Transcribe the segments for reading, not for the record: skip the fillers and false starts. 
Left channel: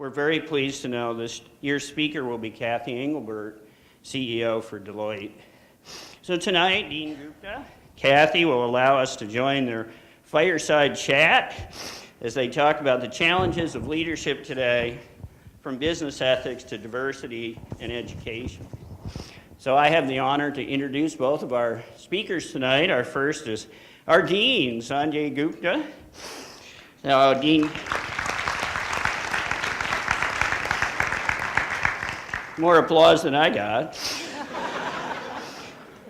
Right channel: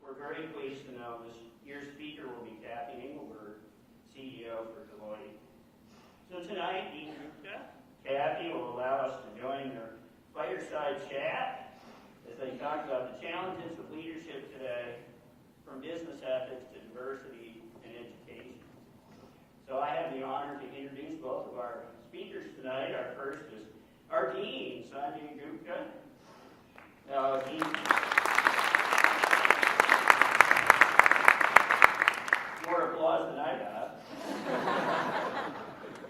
We're very pleased to know this year's speaker will be Cathy Engelbert, CEO for Deloitte. So tonight, Dean Gupta, Cathy will allow us to join their fireside chat as they talk about the challenges of leadership today, from business ethics to diversity and education. So I have the honor to introduce both of our speakers tonight. Our first is our Dean, Sanjay Gupta. Now, Dean, more applause than I got.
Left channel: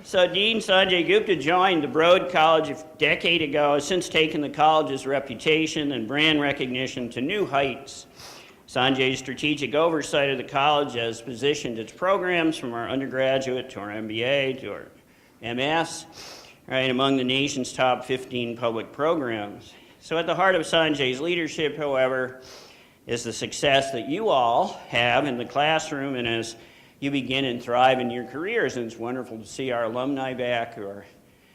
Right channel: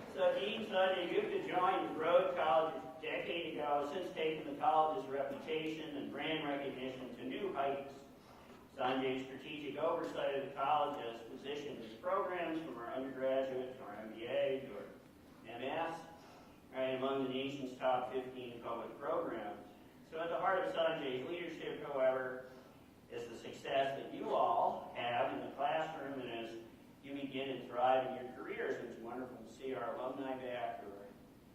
So Dean Sanjay Gupta joined the Broad College a decade ago, has since taken the college's reputation and brand recognition to new heights. Sanjay's strategic oversight of the college has positioned its programs from our undergraduate to our MBA to our MS, right, among the nation's top 15 public programs. So at the heart of Sanjay's leadership, however, is the success that you all have in the classroom and as you begin and thrive in your careers. And it's wonderful to see our alumni back who are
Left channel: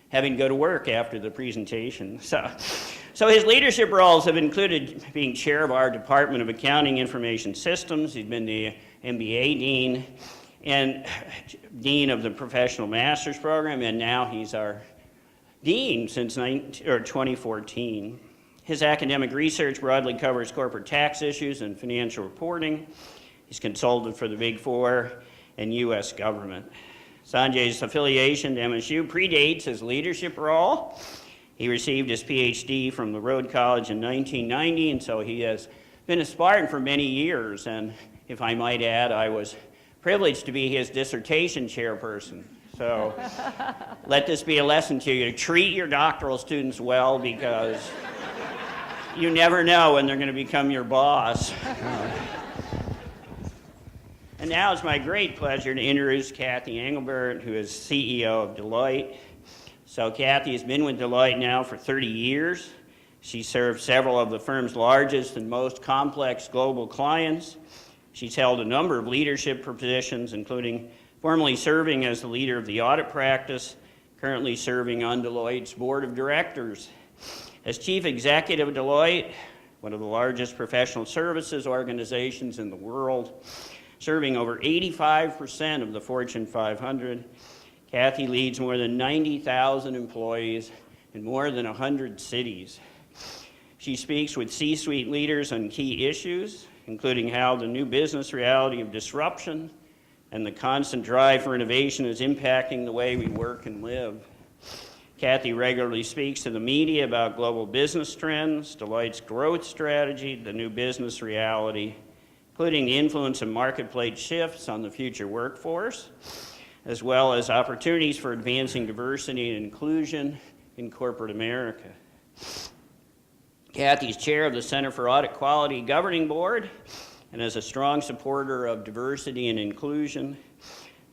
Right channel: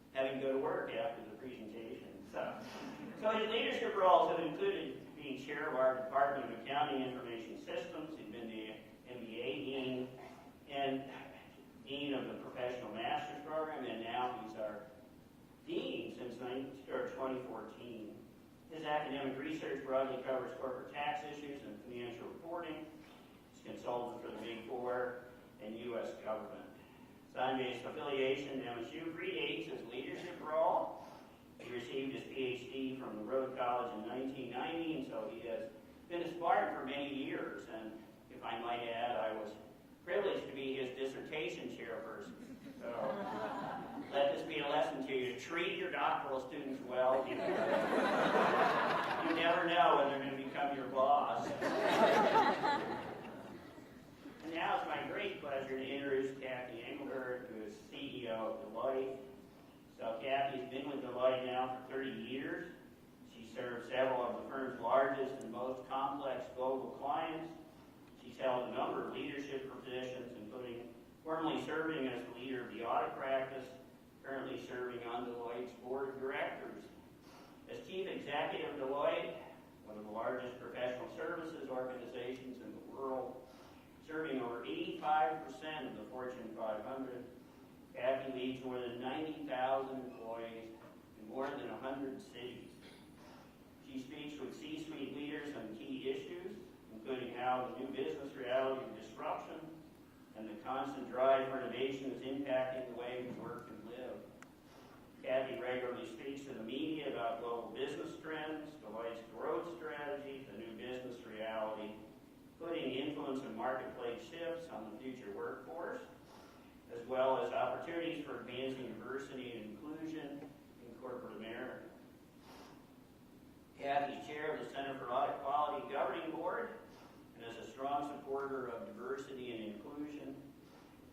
having to go to work after the presentation. So his leadership roles have included being chair of our Department of Accounting Information Systems. He's been the MBA dean and dean of the Professional Master's Program, and now he's our dean since 2014. His academic research broadly covers corporate tax issues and financial reporting. He's consulted for the Big Four and U.S. government. Sanjay's affiliation to MSU predates his leadership role. He received his PhD from the Broad College in 1990, and so he has been a Spartan for many years. And if I might add, I was privileged to be his dissertation chairperson. So let this be a lesson to you to treat your doctoral students well, because you never know when they're going to become your boss. And now it's my great pleasure to introduce Cathy Engelbert, who is CEO of Deloitte. So Cathy has been with Deloitte now for 30 years. She served several of the firm's largest and most complex global clients. She's held a number of leadership positions, including formerly serving as the leader of the audit practice, currently serving on Deloitte's board of directors. As chief executive of Deloitte, one of the largest professional services organizations in the world, serving over 85% of the Fortune 500, Cathy leads more than 90,000 employees in more than 100 cities. She speaks with C-suite leaders on key issues, including how the new business reality of disruption and the constant drive for innovation is impacting the way we work and live. Cathy regularly speaks to the media about global business trends, Deloitte's growth strategy, the new business reality, including the influence of marketplace shifts on the future workforce, as well as opportunities for advancing diversity and inclusion in corporate America. Cathy's chair of the Center for Audit Quality Governing Board, and as a strong supporter of diversity and inclusion,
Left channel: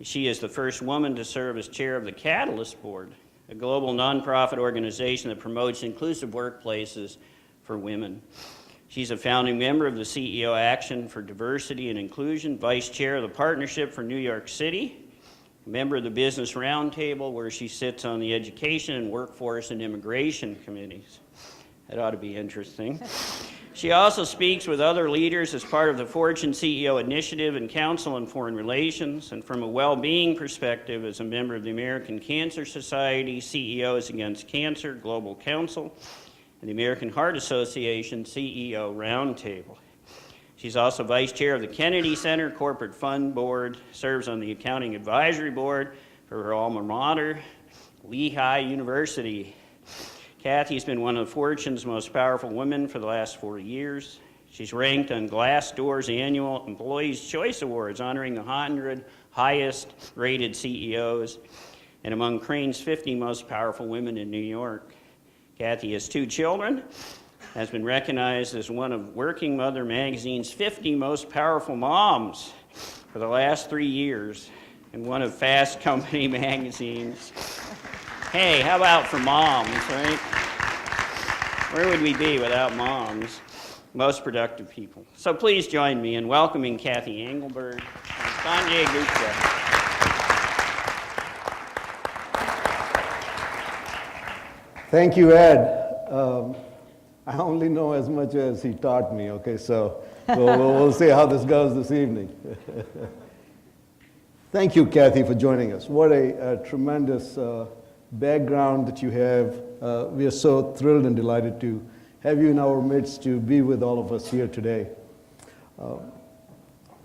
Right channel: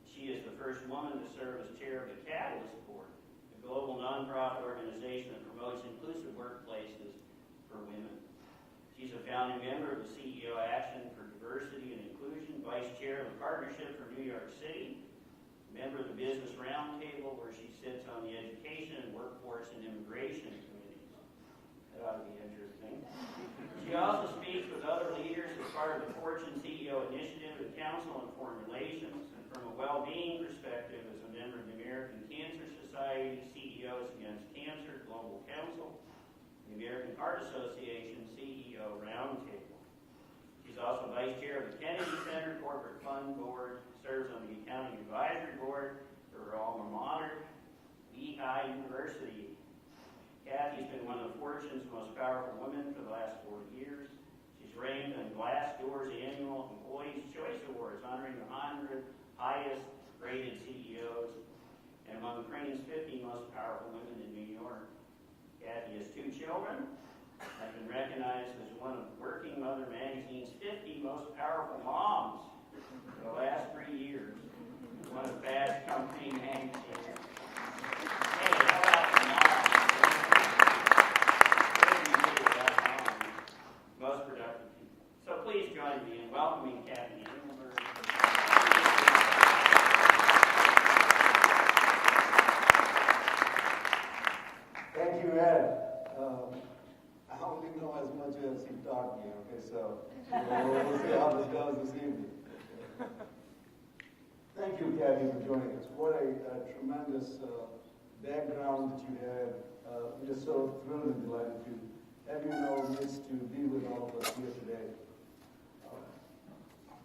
she is the first woman to serve as chair of the Catalyst Board, a global nonprofit organization that promotes inclusive workplaces for women. She's a founding member of the CEO Action for Diversity and Inclusion, vice chair of the Partnership for New York City, a member of the Business Roundtable, where she sits on the Education and Workforce and Immigration Committees. That ought to be interesting. She also speaks with other leaders as part of the Fortune CEO Initiative and Council on Foreign Relations, and from a well-being perspective as a member of the American Cancer Society, CEOs Against Cancer Global Council, and the American Heart Association CEO Roundtable. She's also vice chair of the Kennedy Center Corporate Fund Board, serves on the Accounting Advisory Board for her alma mater, Lehigh University. Cathy's been one of Fortune's most powerful women for the last 4 years. She's ranked on Glassdoor's annual Employees' Choice Awards, honoring the 100 highest rated CEOs, and among Crane's 50 most powerful women in New York. Cathy has 2 children, has been recognized as one of Working Mother magazine's 50 most powerful moms for the last 3 years, and one of Fast Company magazine's. Hey, how about for moms, right? Where would we be without moms? Most productive people. So please join me in welcoming Cathy Engelbert, Sanjay Gupta. Thank you, Ed. I only know as much as he taught me, okay? So We'll see how this goes this evening. Thank you, Cathy, for joining us. What a tremendous background that you have. We are so thrilled and delighted to have you in our midst to be with all of us here today.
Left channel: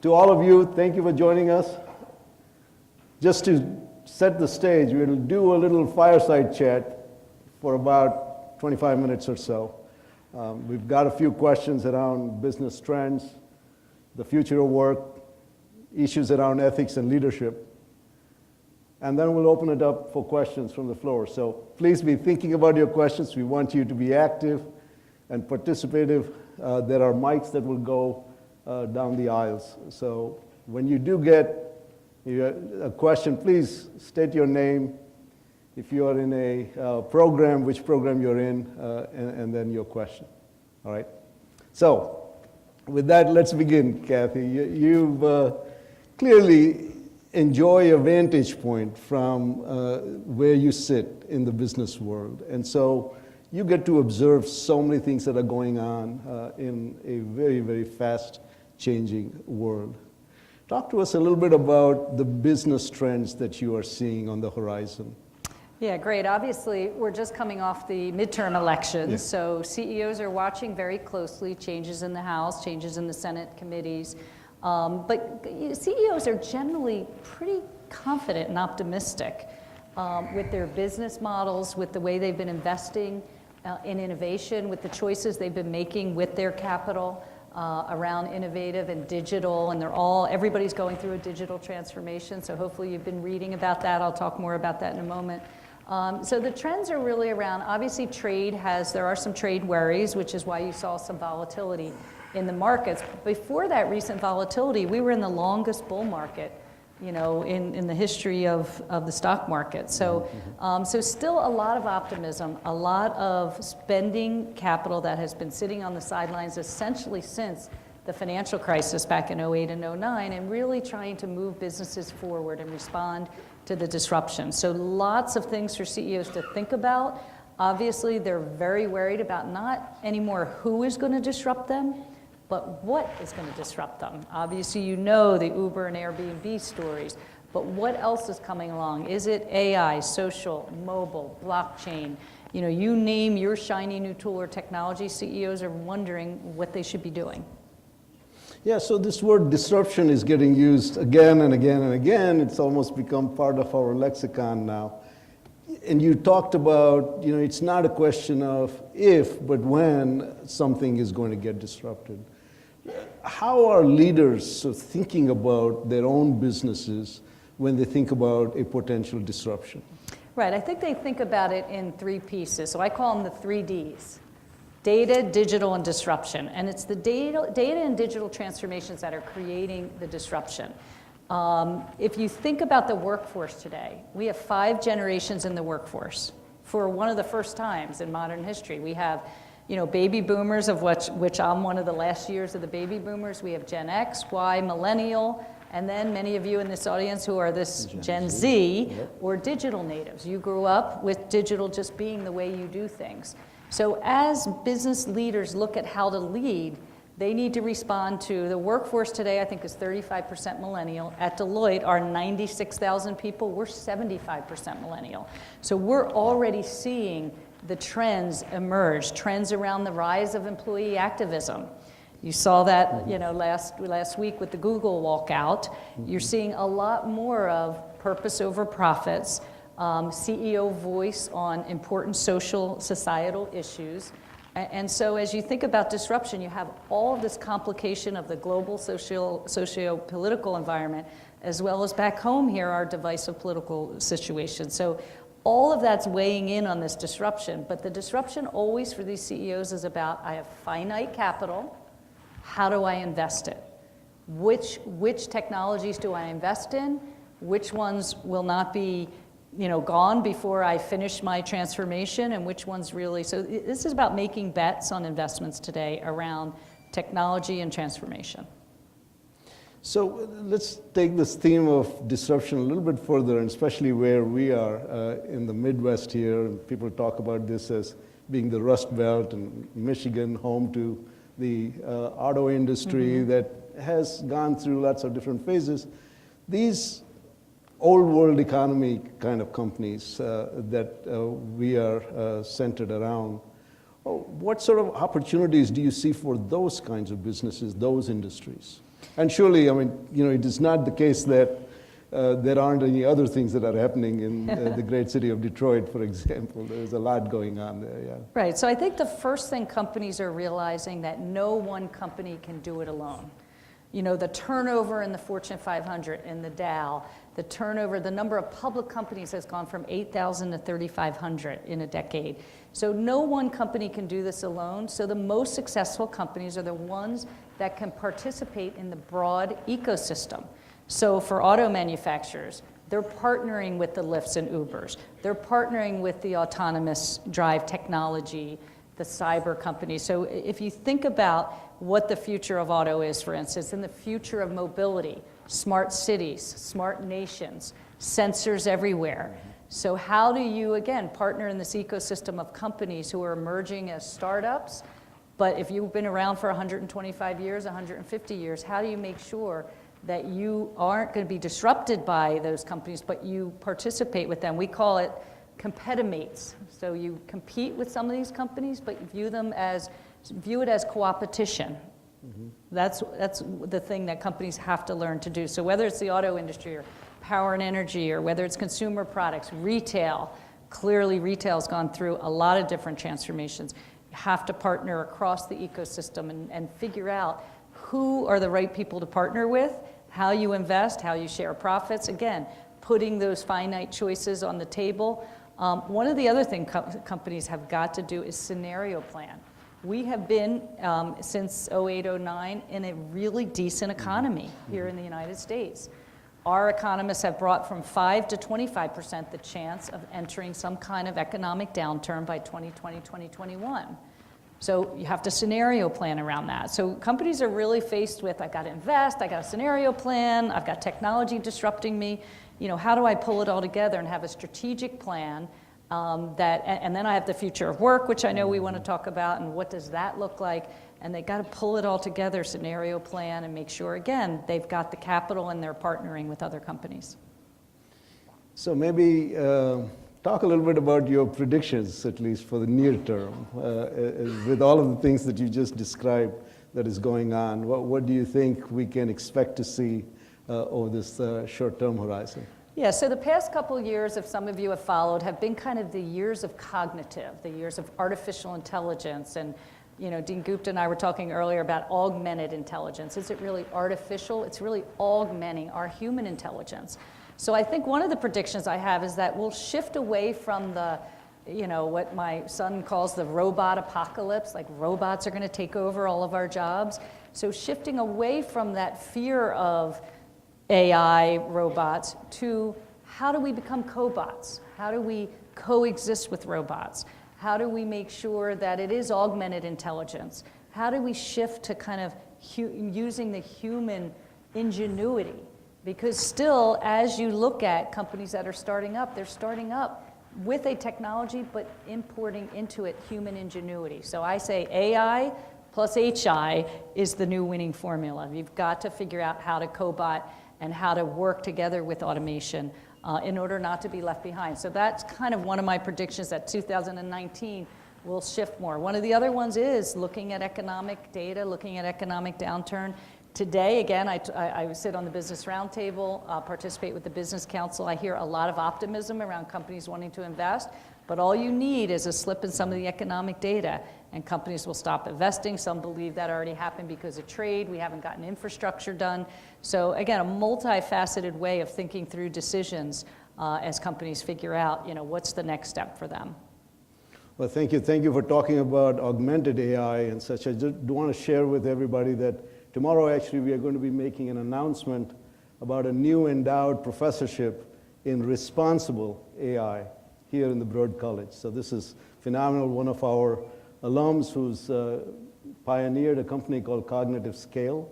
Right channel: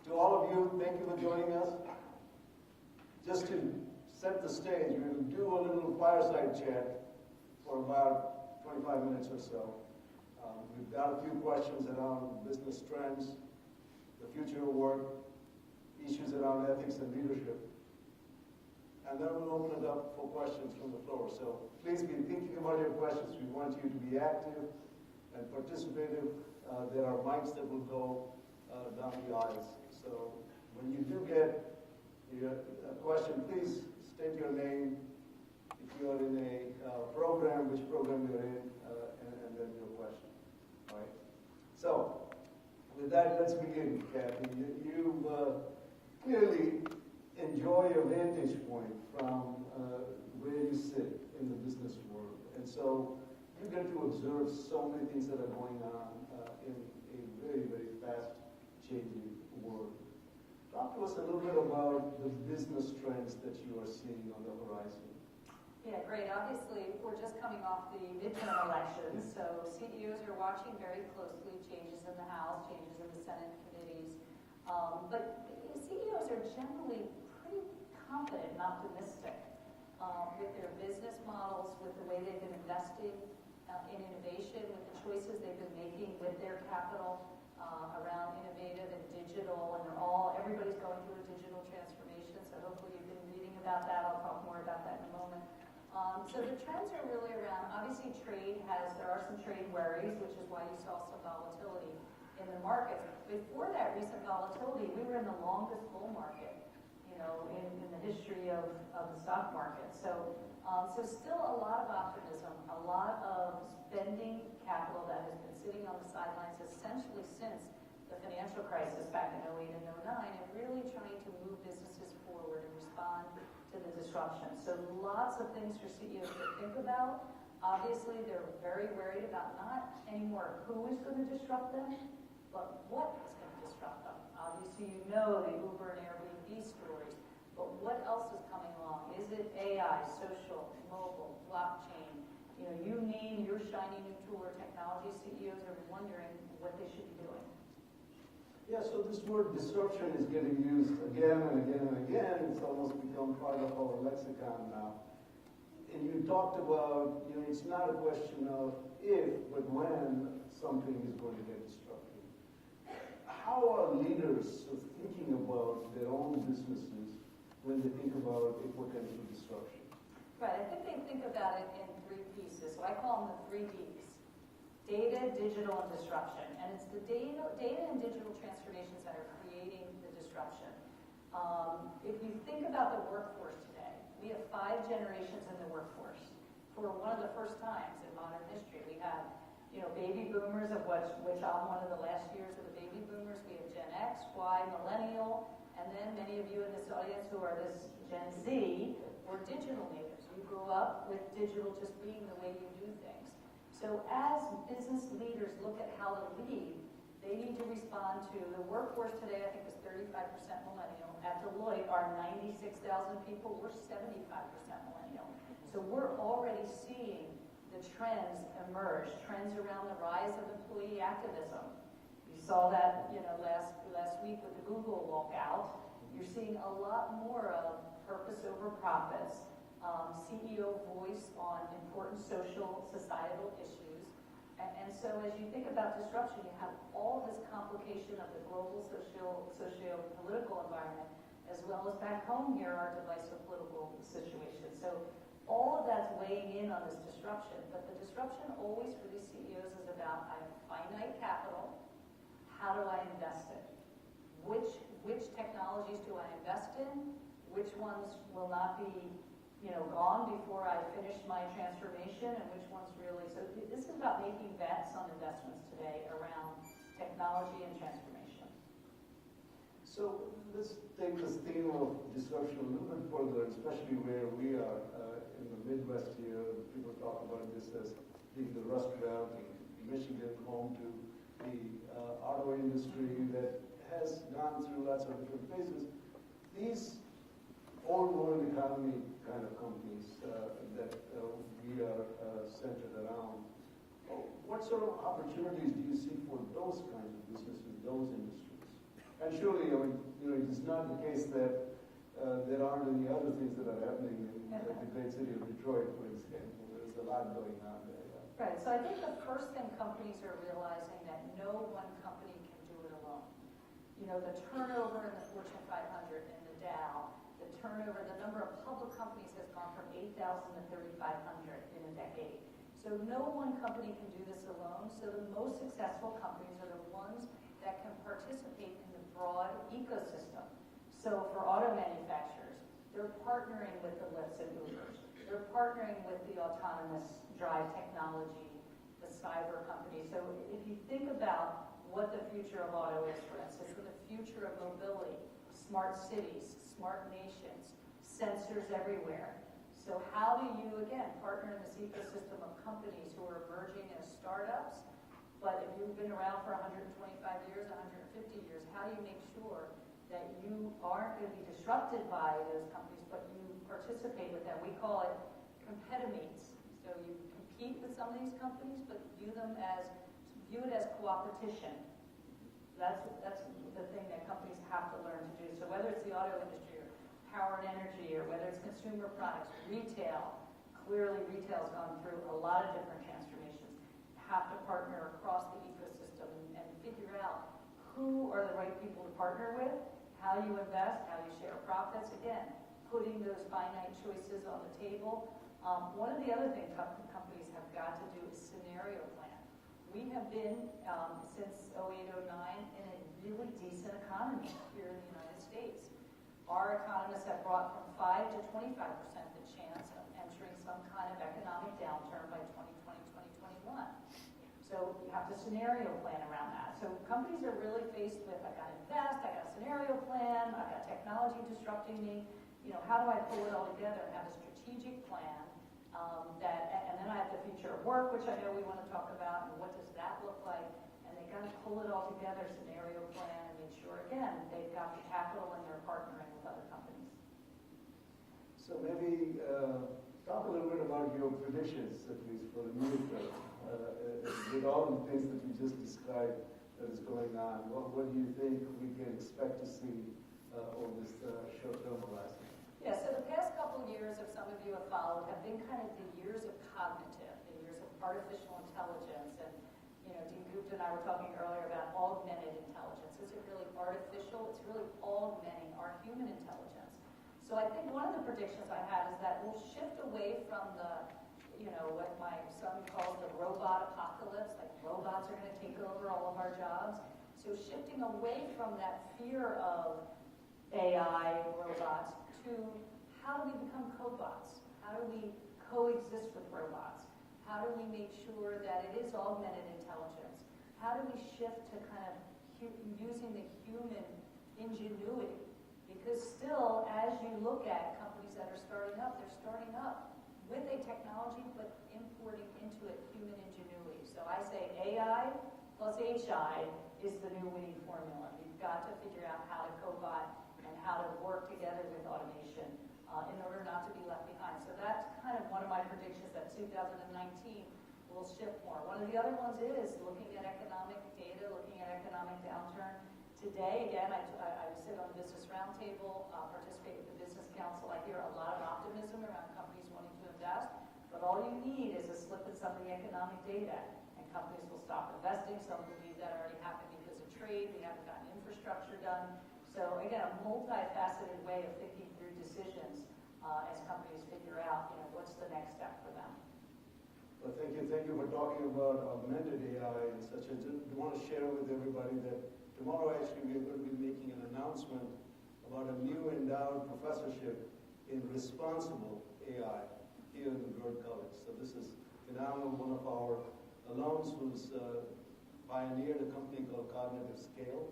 To all of you, thank you for joining us. Just to set the stage, we'll do a little fireside chat for about 25 minutes or so. We've got a few questions around business trends, the future of work, issues around ethics and leadership. And then we'll open it up for questions from the floor. So please be thinking about your questions. We want you to be active and participative. There are mics that will go down the aisles. So when you do get a question, please state your name. If you are in a program, which program you're in, and then your question. All right? So with that, let's begin, Cathy. You've clearly enjoy a vantage point from where you sit in the business world. And so you get to observe so many things that are going on in a very, very fast-changing world. Talk to us a little bit about the business trends that you are seeing on the horizon. Yeah, great. Obviously, we're just coming off the midterm elections, yeah. So CEOs are watching very closely changes in the House, changes in the Senate committees. But CEOs are generally pretty confident and optimistic with their business models, with the way they've been investing in innovation, with the choices they've been making with their capital around innovative and digital, and everybody's going through a digital transformation, so hopefully you've been reading about that. I'll talk more about that in a moment. So the trends are really around, obviously there are some trade worries, which is why you saw some volatility in the markets. Before that recent volatility, we were in the longest bull market, in the history of the stock market. So, so still a lot of optimism, a lot of spending capital that has been sitting on the sidelines essentially since the financial crisis back in 08 and 09, and really trying to move businesses forward and respond to the disruption. So lots of things for CEOs to think about. Obviously, they're very worried about not anymore who is going to disrupt them, but what is going to disrupt them. Obviously, the Uber and Airbnb stories, but what else is coming along? Is it AI, social, mobile, blockchain? You name your shiny new tool or technology, CEOs are wondering what they should be doing. Yeah, so this word disruption is getting used again and again and again. It's almost become part of our lexicon now. And you talked about, it's not a question of if, but when something is going to get disrupted. How are leaders thinking about their own businesses when they think about a potential disruption? Right, I think they think about it in three pieces. So I call them the 3 Ds. Data, digital, and disruption. And it's the data and digital transformations that are creating the disruption. If you think about the workforce today, we have 5 generations in the workforce. For one of the first times in modern history, we have baby boomers, of which I'm one of the last years of the baby boomers. We have Gen X, Y, millennial, and then many of you in this audience who are this Gen Z or digital natives. You grew up with digital just being the way you do things. So as business leaders look at how to lead, they need to respond to the workforce today, I think, is 35% millennial. At Deloitte, our 96,000 people, we're 75% millennial. So we're already seeing the trends emerge, trends around the rise of employee activism. You saw that, last week with the Google walkout. You're seeing a lot more of purpose over profits, CEO voice on important social, societal issues. And so as you think about disruption, you have all of this complication of the global socio-political environment, as well as back home here, our divisive political situation. So all of that's weighing in on this disruption. But the disruption always for these CEOs is about, I have finite capital, how do I invest it? Which technologies do I invest in? Which ones will not be gone before I finish my transformation, and which ones really, so this is about making bets on investments today around technology and transformation. So let's take this theme of disruption a little bit further, and especially where we are in the Midwest here. People talk about this as being the Rust Belt, and Michigan home to the auto industry that has gone through lots of different phases. These old world economy kind of companies that we are centered around, what sort of opportunities do you see for those kinds of businesses, those industries? And surely, I mean, it is not the case that there aren't any other things that are happening in the great city of Detroit, for example. There's a lot going on there, yeah. Right, so I think the first thing companies are realizing that no one company can do it alone. The turnover in the Fortune 500, in the Dow, the number of public companies has gone from 8,000 to 3,500 in a decade. So no one company can do this alone. So the most successful companies are the ones that can participate in the broad ecosystem. So for auto manufacturers, they're partnering with the Lyfts and Ubers. They're partnering with the autonomous drive technology, the cyber companies. So if you think about what the future of auto is, for instance, and the future of mobility, smart cities, smart nations, sensors everywhere. So how do you, again, partner in this ecosystem of companies who are emerging as startups, but if you've been around for 125 years, 150 years, how do you make sure that you aren't going to be disrupted by those companies, but you participate with them? We call it competimates. So you compete with some of these companies, but you view it as co-opetition. That's the thing that companies have to learn to do. So whether it's the auto industry or power and energy, or whether it's consumer products, retail, clearly retail's gone through a lot of different transformations. You have to partner across the ecosystem and figure out who are the right people to partner with, how you invest, how you share profits. Again, putting those finite choices on the table. One of the other things companies have got to do is scenario plan. We have been, since 08, 09, in a really decent economy here in the United States. Our economists have brought from 5 to 25% the chance of entering some kind of economic downturn by 2020, 2021. So you have to scenario plan around that. So companies are really faced with, I've got to invest, I've got a scenario plan, I've got technology disrupting me. How do I pull it all together and have a strategic plan and then I have the future of work, which I know we want to talk about, and what does that look like? And they got to pull it all together, scenario plan, and make sure, again, they've got the capital and they're partnering with other companies. So maybe talk a little bit about your predictions, at least for the near term, with all of the things that you just described that is going on. What do you think we can expect to see over this short-term horizon? Yeah, so the past couple years, if some of you have followed, have been kind of the years of cognitive, the years of artificial intelligence. And Dean Gupta and I were talking earlier about augmented intelligence. Is it really artificial? It's really augmenting our human intelligence. So I think one of the predictions I have is that we'll shift away from the, what my son calls the robot apocalypse, like robots are going to take over all of our jobs. So shifting away from that fear of AI, robots, to how do we become cobots? How do we coexist with robots? How do we make sure that it is augmented intelligence? How do we shift to kind of using the human ingenuity? Because still, as you look at companies that are starting up, they're starting up with a technology, but importing into it human ingenuity. So I say AI plus HI is the new winning formula. You've got to figure out how to cobot and how to work together with automation in order not to be left behind. So that's kind of one of my predictions, that 2019 will shift more. One of the other ones is looking at economic data, looking at economic downturn. Today, again, I sit on the Business Roundtable, participate with the Business Council. I hear a lot of optimism around companies wanting to invest, but all you need is a slip in some of the economic data, and companies will stop investing. Some believe that already happened because of trade. We haven't gotten infrastructure done. So again, a multifaceted way of thinking through decisions as companies figure out, what's the next step for them. Well, thank you. Thank you for talking about augmented AI and such. I just want to share with everybody that tomorrow, actually, we are going to be making an announcement about a new endowed professorship in responsible AI here in the Broad College. So this is phenomenal. One of our alums who's pioneered a company called Cognitive Scale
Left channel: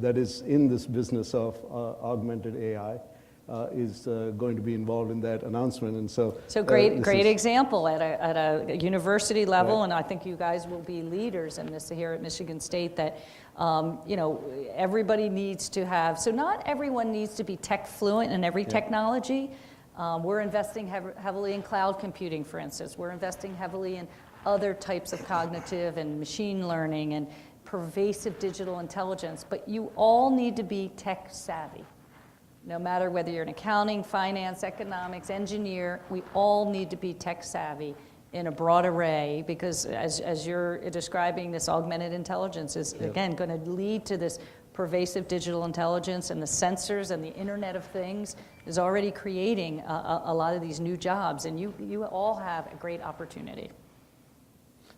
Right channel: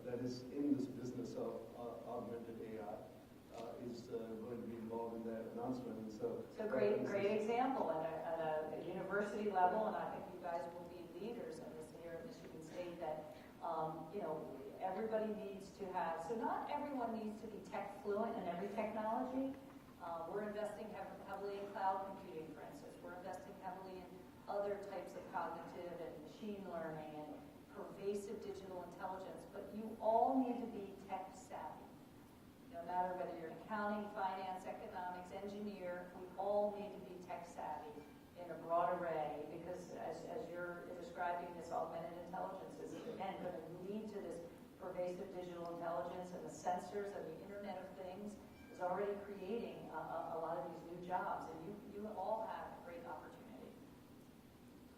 that is in this business of augmented AI. is going to be involved in that announcement. And so, So great this is- example at a university level, Right. and I think you guys will be leaders in this here at Michigan State, that everybody needs to have, so not everyone needs to be tech fluent in every technology. We're investing heavily in cloud computing, for instance. We're investing heavily in other types of cognitive and machine learning and pervasive digital intelligence, but you all need to be tech savvy. No matter whether you're in accounting, finance, economics, engineer, we all need to be tech savvy in a broad array, because as you're describing, this augmented intelligence is, again, going to lead to this pervasive digital intelligence, and the sensors and the Internet of Things is already creating a lot of these new jobs, and you all have a great opportunity.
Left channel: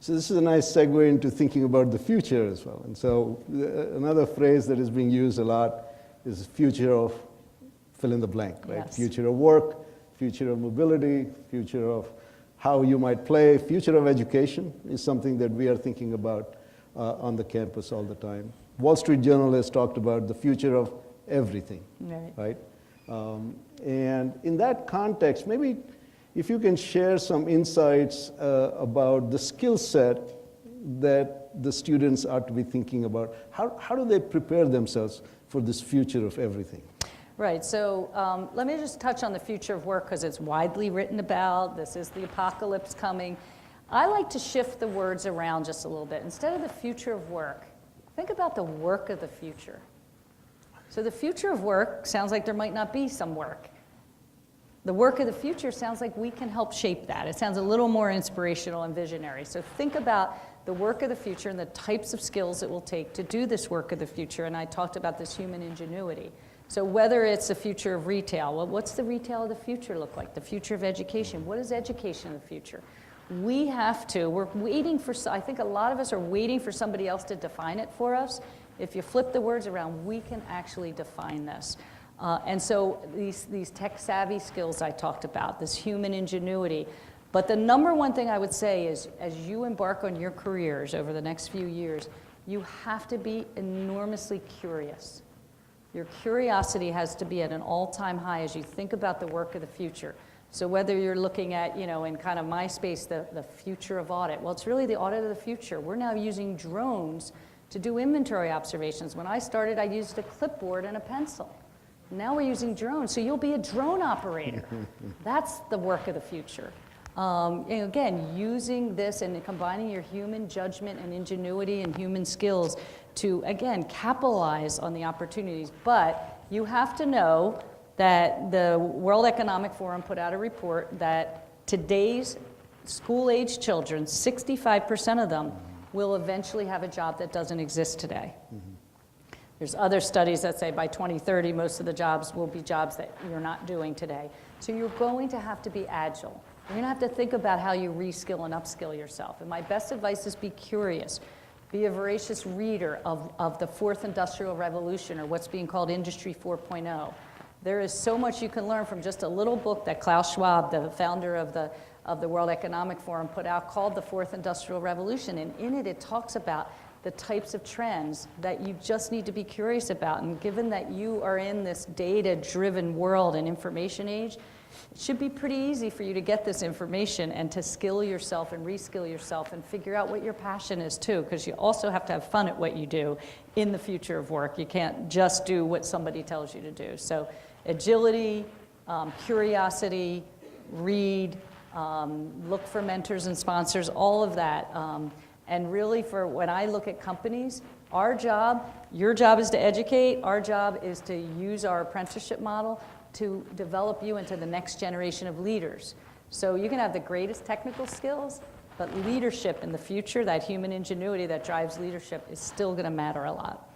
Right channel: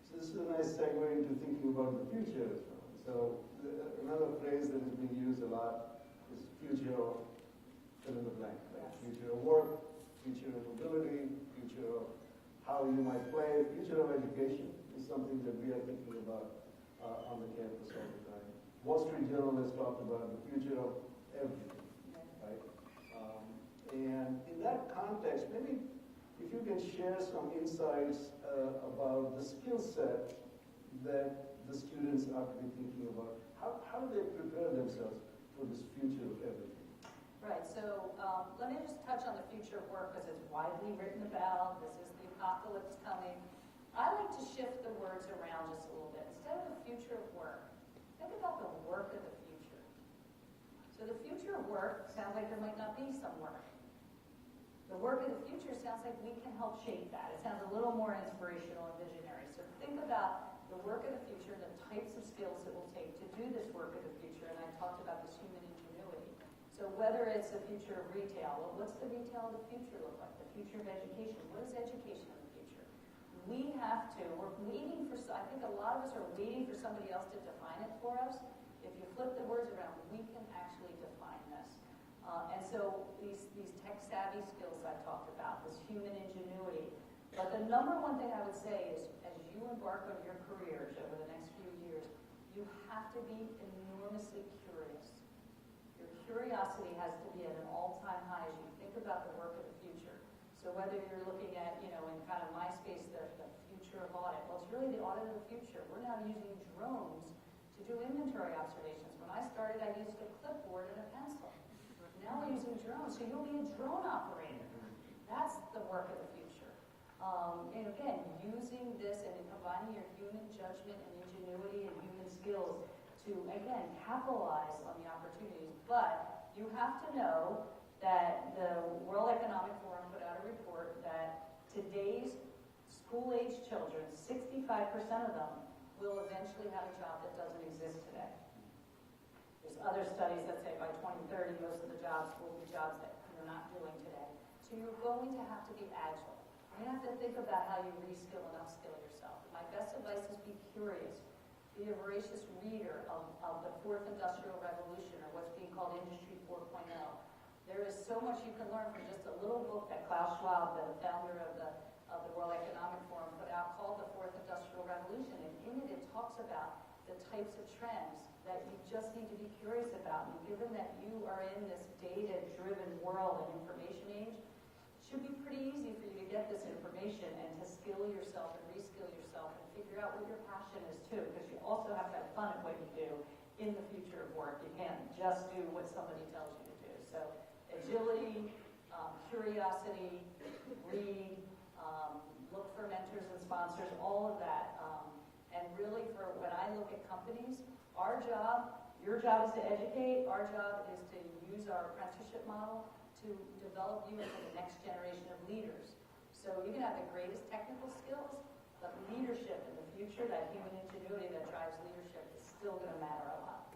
So this is a nice segue into thinking about the future as well. And so another phrase that is being used a lot is future of fill in the blank, right? Yes. Future of work, future of mobility, future of how you might play, future of education is something that we are thinking about on the campus all the time. Wall Street Journal has talked about the future of everything, right? And in that context, maybe if you can share some insights about the skill set that the students are to be thinking about. How do they prepare themselves for this future of everything? Right, so let me just touch on the future of work, because it's widely written about. This is the apocalypse coming. I like to shift the words around just a little bit. Instead of the future of work, think about the work of the future. So the future of work sounds like there might not be some work. The work of the future sounds like we can help shape that. It sounds a little more inspirational and visionary. So think about the work of the future and the types of skills it will take to do this work of the future. And I talked about this human ingenuity. So whether it's the future of retail, well, what's the retail of the future look like? The future of education, what is education of the future? We're waiting for, I think a lot of us are waiting for somebody else to define it for us. If you flip the words around, we can actually define this. And so these tech-savvy skills I talked about, this human ingenuity. But the number one thing I would say is, as you embark on your careers over the next few years, you have to be enormously curious. Your curiosity has to be at an all-time high as you think about the work of the future. So whether you're looking at, in kind of my space, the future of audit, well, it's really the audit of the future. We're now using drones to do inventory observations. When I started, I used a clipboard and a pencil. Now we're using drones, so you'll be a drone operator. That's the work of the future. Again, using this and combining your human judgment and ingenuity and human skills to, again, capitalize on the opportunities. But you have to know that the World Economic Forum put out a report that today's school-age children, 65% of them, will eventually have a job that doesn't exist today. There's other studies that say by 2030, most of the jobs will be jobs that you're not doing today. So you're going to have to be agile. You're going to have to think about how you reskill and upskill yourself. And my best advice is be curious. Be a voracious reader of the fourth industrial revolution, or what's being called Industry 4.0. There is so much you can learn from just a little book that Klaus Schwab, the founder of the World Economic Forum, put out called The Fourth Industrial Revolution. And in it, it talks about the types of trends that you just need to be curious about. And given that you are in this data-driven world and information age, it should be pretty easy for you to get this information and to skill yourself and reskill yourself and figure out what your passion is too, because you also have to have fun at what you do in the future of work. You can't just do what somebody tells you to do. So agility, curiosity, read, look for mentors and sponsors, all of that. And really, for when I look at companies, our job, your job is to educate, our job is to use our apprenticeship model to develop you into the next generation of leaders. So you can have the greatest technical skills, but leadership in the future, that human ingenuity that drives leadership, is still going to matter a lot.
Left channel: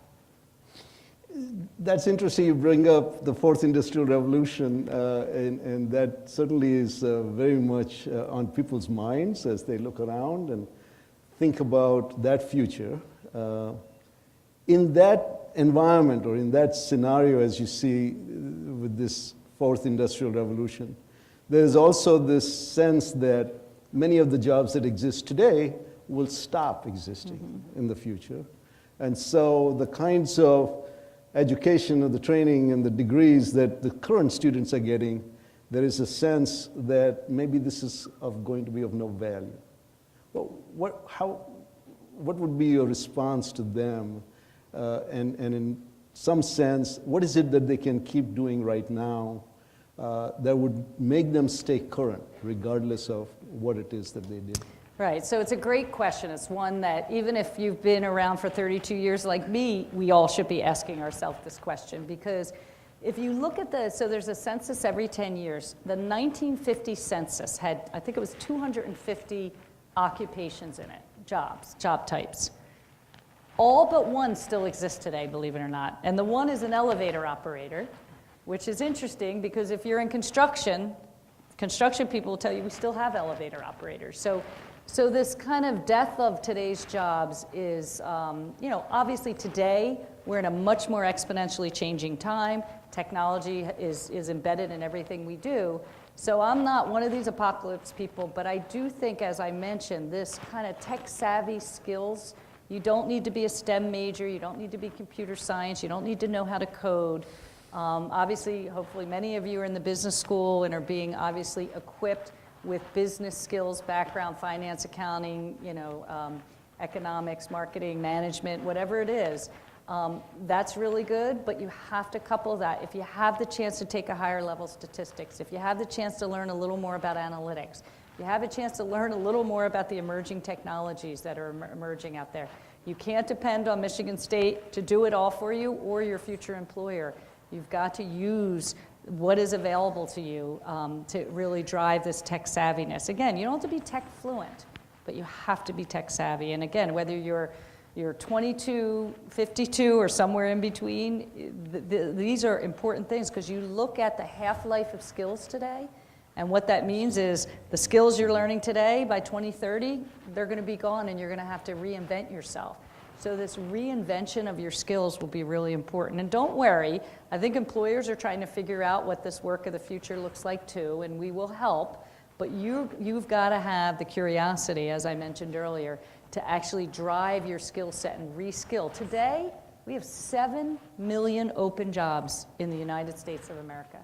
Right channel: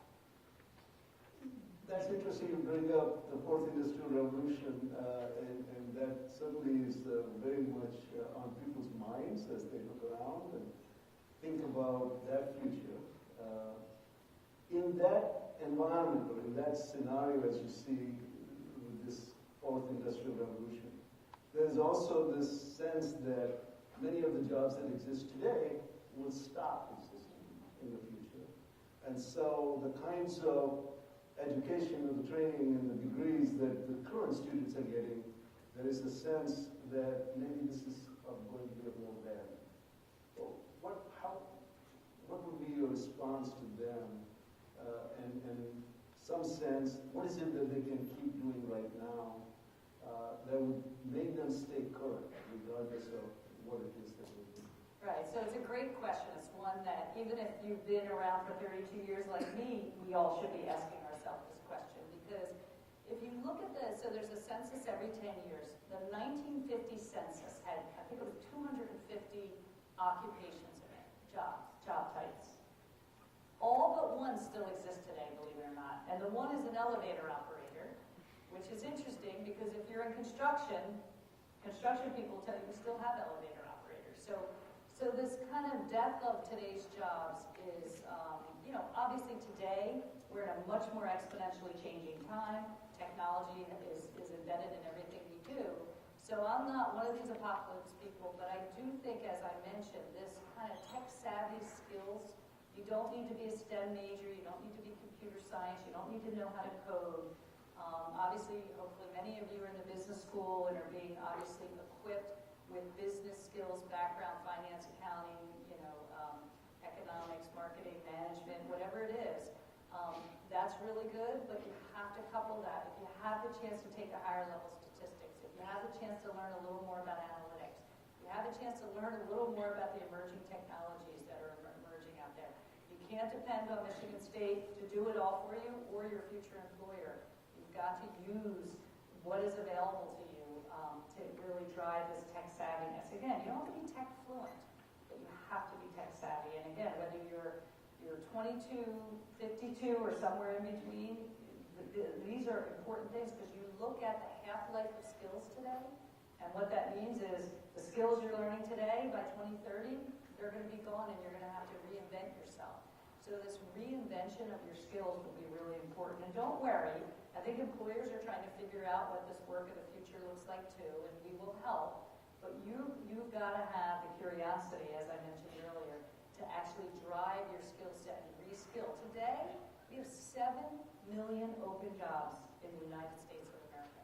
That's interesting you bring up the fourth industrial revolution, and that certainly is very much on people's minds as they look around and think about that future. In that environment, or in that scenario, as you see with this fourth industrial revolution, there's also this sense that many of the jobs that exist today will stop existing in the future. And so the kinds of education or the training and the degrees that the current students are getting, there is a sense that maybe this is going to be of no value. Well, what would be your response to them? And in some sense, what is it that they can keep doing right now that would make them stay current, regardless of what it is that they did? Right, so it's a great question. It's one that even if you've been around for 32 years like me, we all should be asking ourselves this question, because if you look at so there's a census every 10 years. The 1950 census had, I think it was 250 occupations in it, job types. All but one still exists today, believe it or not. And the one is an elevator operator, which is interesting because if you're in construction people will tell you we still have elevator operators. So this kind of death of today's jobs is, obviously today we're in a much more exponentially changing time. Technology is embedded in everything we do. So I'm not one of these apocalypse people, but I do think, as I mentioned, this kind of tech-savvy skills, you don't need to be a STEM major, you don't need to be computer science, you don't need to know how to code. Obviously, hopefully many of you are in the business school and are being obviously equipped with business skills, background, finance, accounting, economics, marketing, management, whatever it is. That's really good, but you have to couple that. If you have the chance to take a higher level statistics, if you have the chance to learn a little more about analytics, if you have a chance to learn a little more about the emerging technologies that are emerging out there, you can't depend on Michigan State to do it all for you or your future employer. You've got to use what is available to you to really drive this tech savviness. Again, you don't have to be tech fluent, but you have to be tech savvy. And again, whether you're 22, 52, or somewhere in between, these are important things because you look at the half-life of skills today, and what that means is the skills you're learning today, by 2030, they're going to be gone and you're going to have to reinvent yourself. So this reinvention of your skills will be really important. And don't worry, I think employers are trying to figure out what this work of the future looks like too, and we will help, but you've got to have the curiosity, as I mentioned earlier, to actually drive your skill set and reskill. Today, we have 7 million open jobs in the United States of America.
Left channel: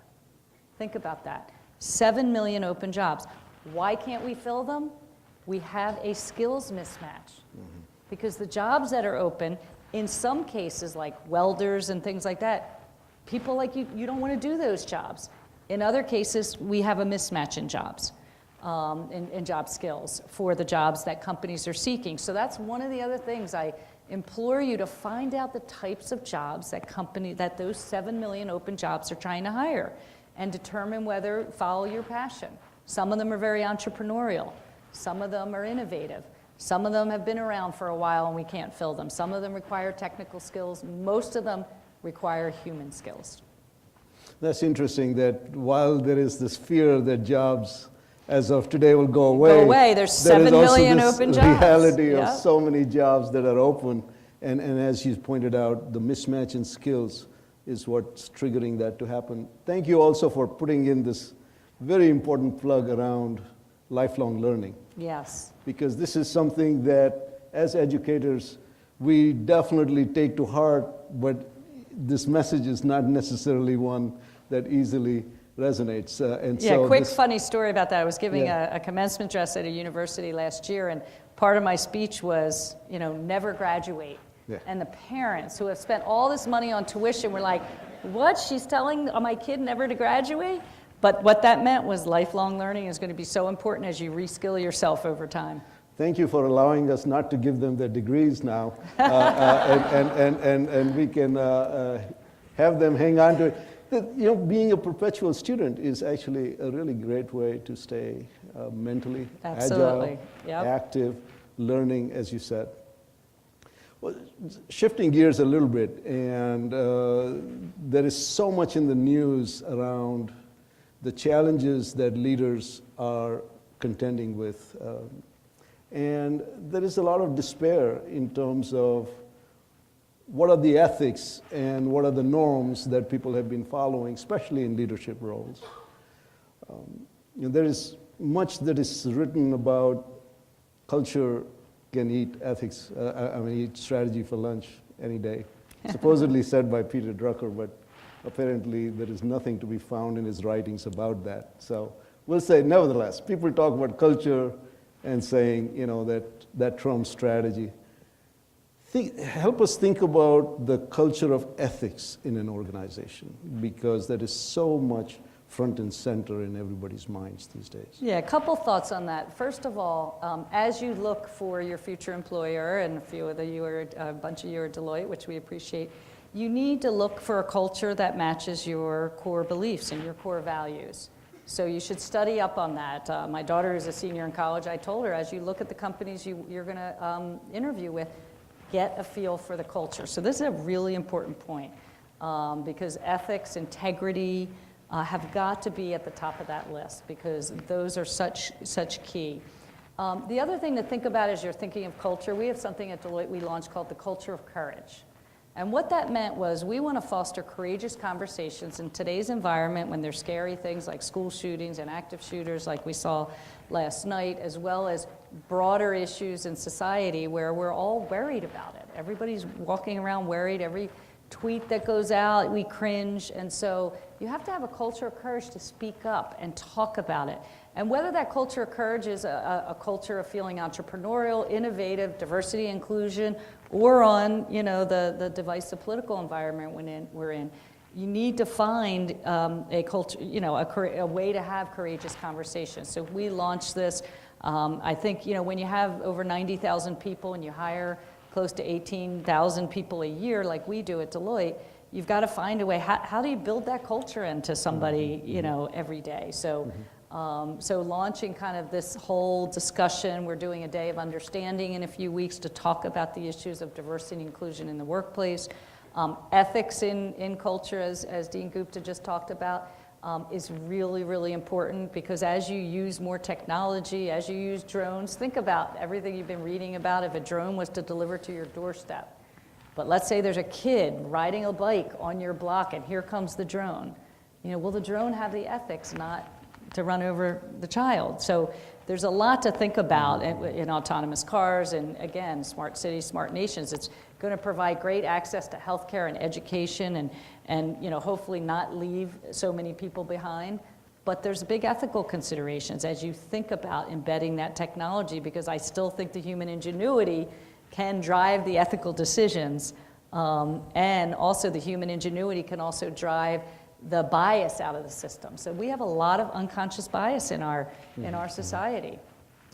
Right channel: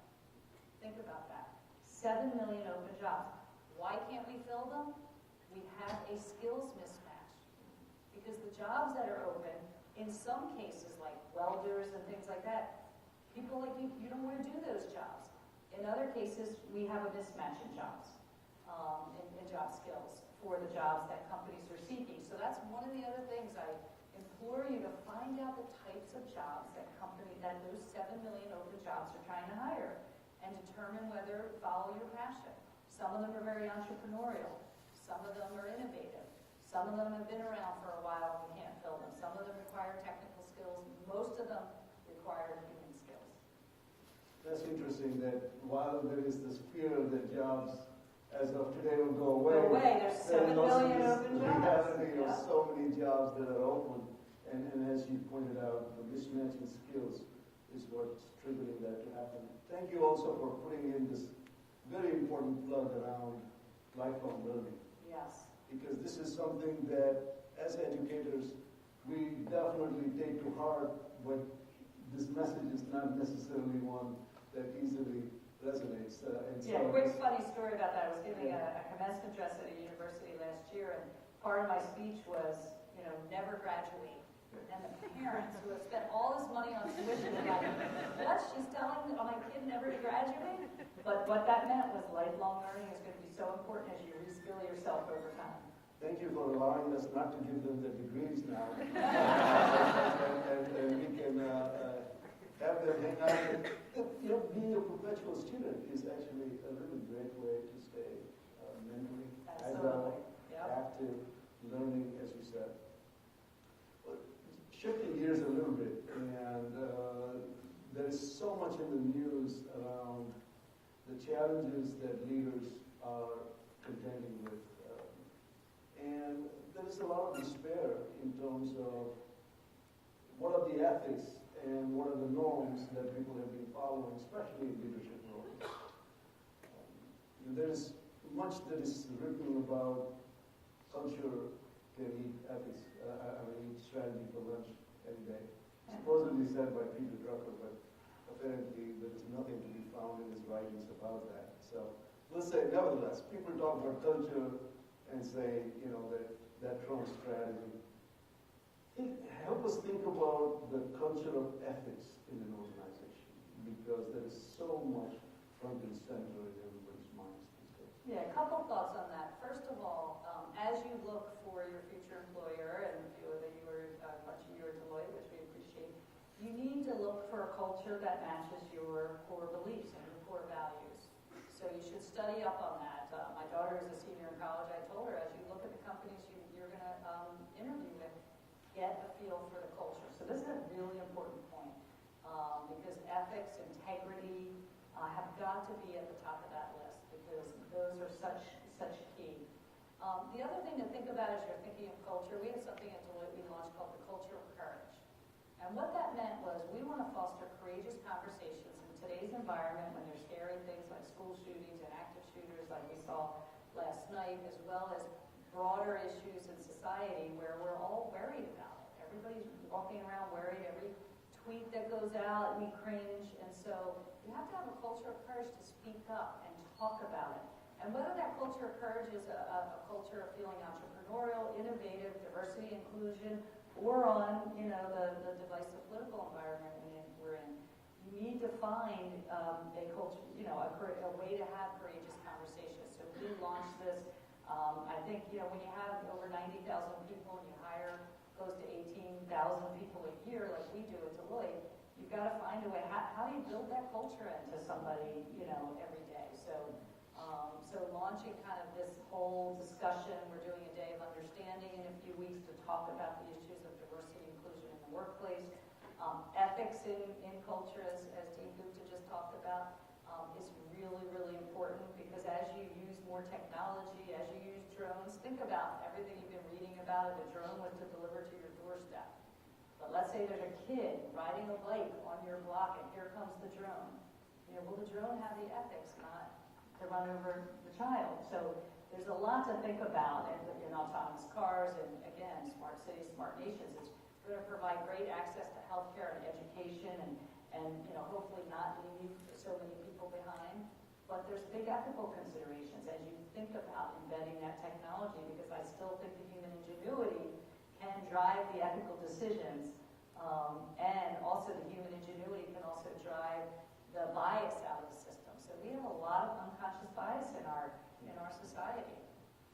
Think about that. 7 million open jobs. Why can't we fill them? We have a skills mismatch. Because the jobs that are open, in some cases like welders and things like that, people like you don't want to do those jobs. In other cases, we have a mismatch in jobs. In job skills for the jobs that companies are seeking. So that's one of the other things I implore you to find out the types of jobs that those 7 million open jobs are trying to hire and determine whether follow your passion. Some of them are very entrepreneurial. Some of them are innovative. Some of them have been around for a while and we can't fill them. Some of them require technical skills. Most of them require human skills. That's interesting that while there is this fear that jobs as of today will go away. There's 7 million open jobs. Reality of so many jobs that are open, and as you pointed out, the mismatch in skills is what's triggering that to happen. Thank you also for putting in this very important plug around lifelong learning. Yes. Because this is something that, as educators, we definitely take to heart, but this message is not necessarily one that easily resonates. Quick funny story about that. I was giving a commencement address at a university last year, and part of my speech was, never graduate. Yeah. And the parents who have spent all this money on tuition were like, what? She's telling my kid never to graduate? But what that meant was lifelong learning is going to be so important as you reskill yourself over time. Thank you for allowing us not to give them their degrees now, and we can have them hang on to it. Being a perpetual student is actually a really great way to stay mentally agile, active, learning, as you said. Well, shifting gears a little bit, and there is so much in the news around the challenges that leaders are contending with. And there is a lot of despair in terms of what are the ethics and what are the norms that people have been following, especially in leadership roles. There is much that is written about culture can eat ethics, eat strategy for lunch any day. supposedly said by Peter Drucker, but apparently there is nothing to be found in his writings about that. So we'll say, nevertheless, people talk about culture and saying, that trumps strategy. Help us think about the culture of ethics in an organization, because that is so much front and center in everybody's minds these days. Yeah, a couple thoughts on that. First of all, as you look for your future employer, and a bunch of you are Deloitte, which we appreciate, you need to look for a culture that matches your core beliefs and your core values. So you should study up on that. My daughter is a senior in college. I told her, as you look at the companies you're going to interview with, get a feel for the culture. So this is a really important point, because ethics, integrity, have got to be at the top of that list, because those are such key. The other thing to think about as you're thinking of culture, we have something at Deloitte we launched called the culture of courage. And what that meant was we want to foster courageous conversations in today's environment when there's scary things like school shootings and active shooters like we saw last night, as well as broader issues in society where we're all worried about it. Everybody's walking around worried. Every tweet that goes out, we cringe. And so you have to have a culture of courage to speak up and talk about it. And whether that culture of courage is a culture of feeling entrepreneurial, innovative, diversity, inclusion, or on the divisive political environment we're in, you need to find a culture, a way to have courageous conversations. So we launched this. I think when you have over 90,000 people and you hire close to 18,000 people a year like we do at Deloitte, you've got to find a way. How do you build that culture into somebody every day? So. So launching kind of this whole discussion, we're doing a day of understanding in a few weeks to talk about the issues of diversity and inclusion in the workplace. Ethics in culture, as Dean Gupta just talked about, is really, really important, because as you use more technology, as you use drones, think about everything you've been reading about if a drone was to deliver to your doorstep. But let's say there's a kid riding a bike on your block and here comes the drone. Will the drone have the ethics not to run over the child? So there's a lot to think about in autonomous cars, and again, smart cities, smart nations. It's going to provide great access to healthcare and education, and hopefully not leave so many people behind. But there's big ethical considerations as you think about embedding that technology, because I still think the human ingenuity can drive the ethical decisions, and also the human ingenuity can also drive the bias out of the system. So we have a lot of unconscious bias in our society.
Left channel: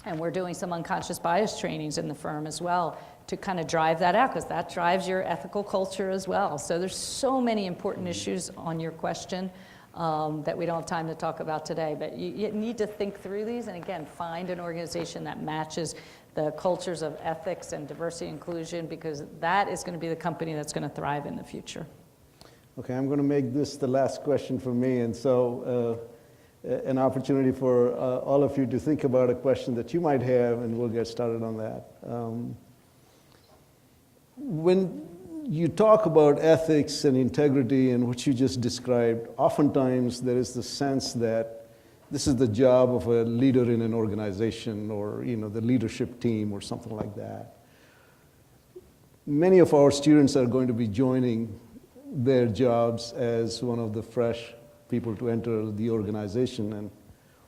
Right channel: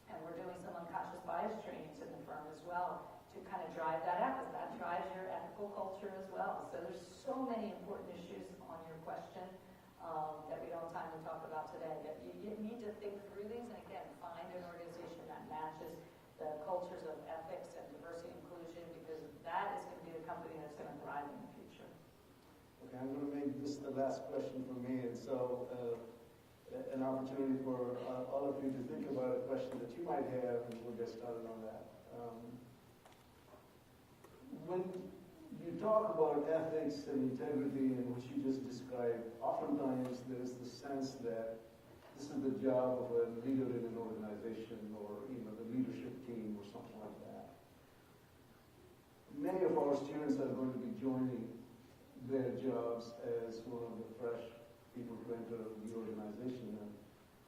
And we're doing some unconscious bias trainings in the firm as well to kind of drive that out, because that drives your ethical culture as well. So there's so many important issues on your question that we don't have time to talk about today. But you need to think through these, and again, find an organization that matches the cultures of ethics and diversity and inclusion, because that is going to be the company that's going to thrive in the future. Okay, I'm going to make this the last question for me, and so an opportunity for all of you to think about a question that you might have, and we'll get started on that. When you talk about ethics and integrity and what you just described, oftentimes there is the sense that this is the job of a leader in an organization, or the leadership team or something like that. Many of our students are going to be joining their jobs as one of the fresh people to enter the organization. And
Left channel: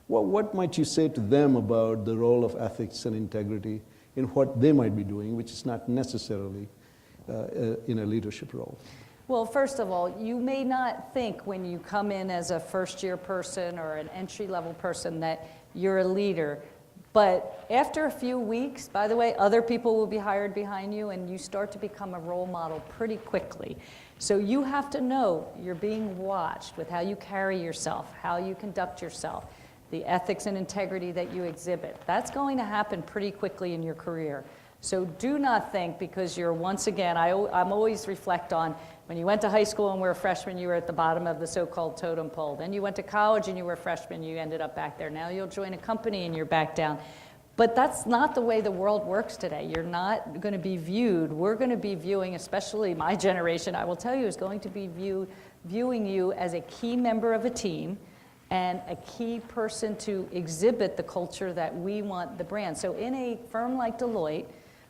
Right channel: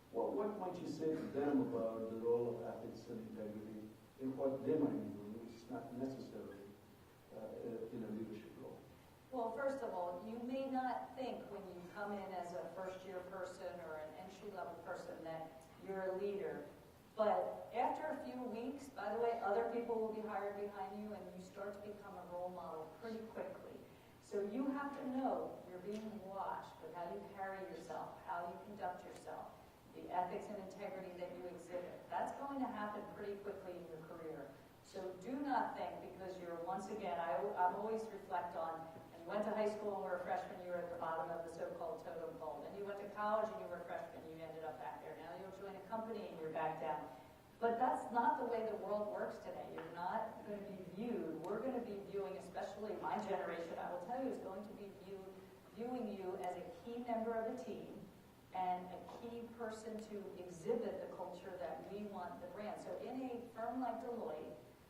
what might you say to them about the role of ethics and integrity in what they might be doing, which is not necessarily in a leadership role? Well, first of all, you may not think when you come in as a first-year person or an entry-level person that you're a leader. But after a few weeks, by the way, other people will be hired behind you, and you start to become a role model pretty quickly. So you have to know you're being watched with how you carry yourself, how you conduct yourself, the ethics and integrity that you exhibit. That's going to happen pretty quickly in your career. So do not think because you're, once again, I'm always reflect on when you went to high school and were a freshman, you were at the bottom of the so-called totem pole. Then you went to college and you were a freshman, you ended up back there. Now you'll join a company and you're back down. But that's not the way the world works today. You're not going to be viewed. We're going to be viewing, especially my generation, I will tell you, is going to be viewing you as a key member of a team and a key person to exhibit the culture that we want the brand. So in a firm like Deloitte,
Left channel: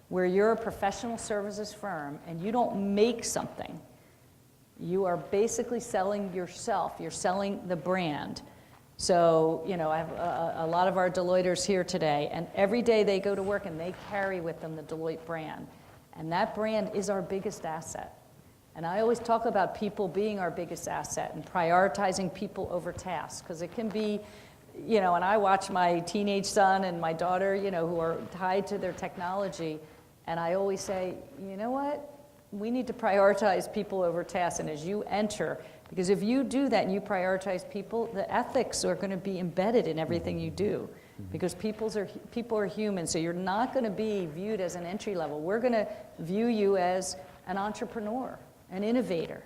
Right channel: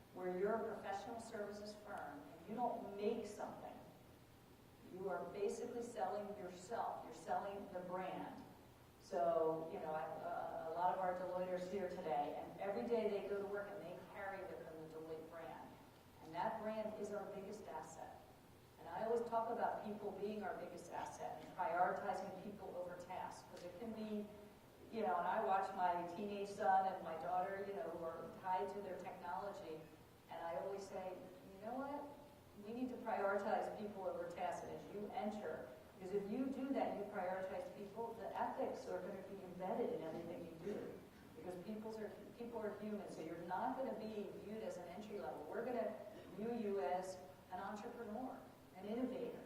where you're a professional services firm and you don't make something. You are basically selling yourself. You're selling the brand. So, you know, I have a lot of our Deloitters here today, and every day they go to work and they carry with them the Deloitte brand. And that brand is our biggest asset. And I always talk about people being our biggest asset and prioritizing people over tasks, because it can be, you know, and I watch my teenage son and my daughter, you know, who are tied to their technology, and I always say, you know what? We need to prioritize people over tasks, and as you enter, because if you do that and you prioritize people, the ethics are going to be embedded in everything you do, because people are human, so you're not going to be viewed as an entry level. We're going to view you as an entrepreneur, an innovator.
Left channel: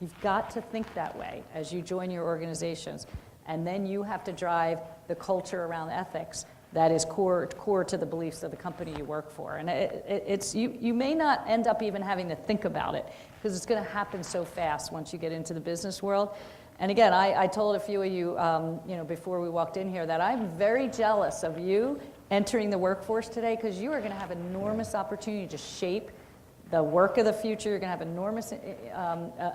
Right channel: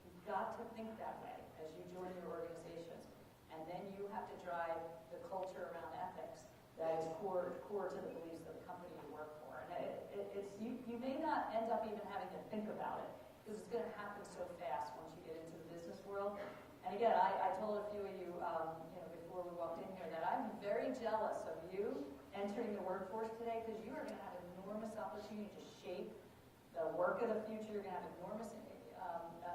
You've got to think that way as you join your organizations, and then you have to drive the culture around ethics that is core to the beliefs of the company you work for. And you may not end up even having to think about it, because it's going to happen so fast once you get into the business world. And again, I told a few of you, you know, before we walked in here, that I'm very jealous of you entering the workforce today, because you are going to have enormous opportunity to shape the work of the future. You're going to have enormous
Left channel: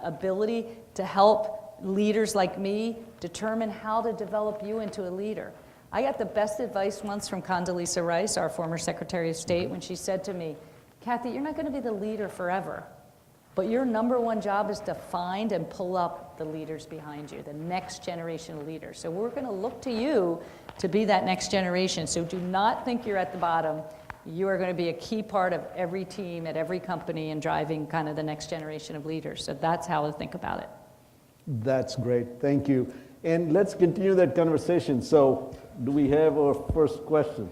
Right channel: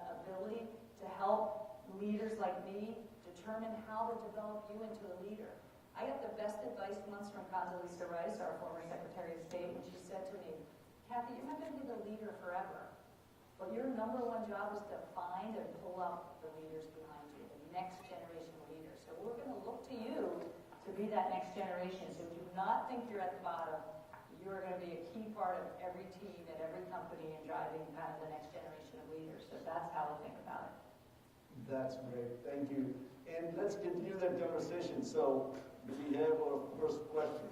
ability to help leaders like me determine how to develop you into a leader. I got the best advice once from Condoleezza Rice, our former Secretary of State, when she said to me, Cathy, you're not going to be the leader forever, but your number one job is to find and pull up the leaders behind you, the next generation of leaders. So we're going to look to you to be that next generation. So do not think you're at the bottom. You are going to be a key part of every team at every company and driving kind of the next generation of leaders. So that's how to think about it. That's great. Thank you. And let's continue that conversation. So do we have our first question?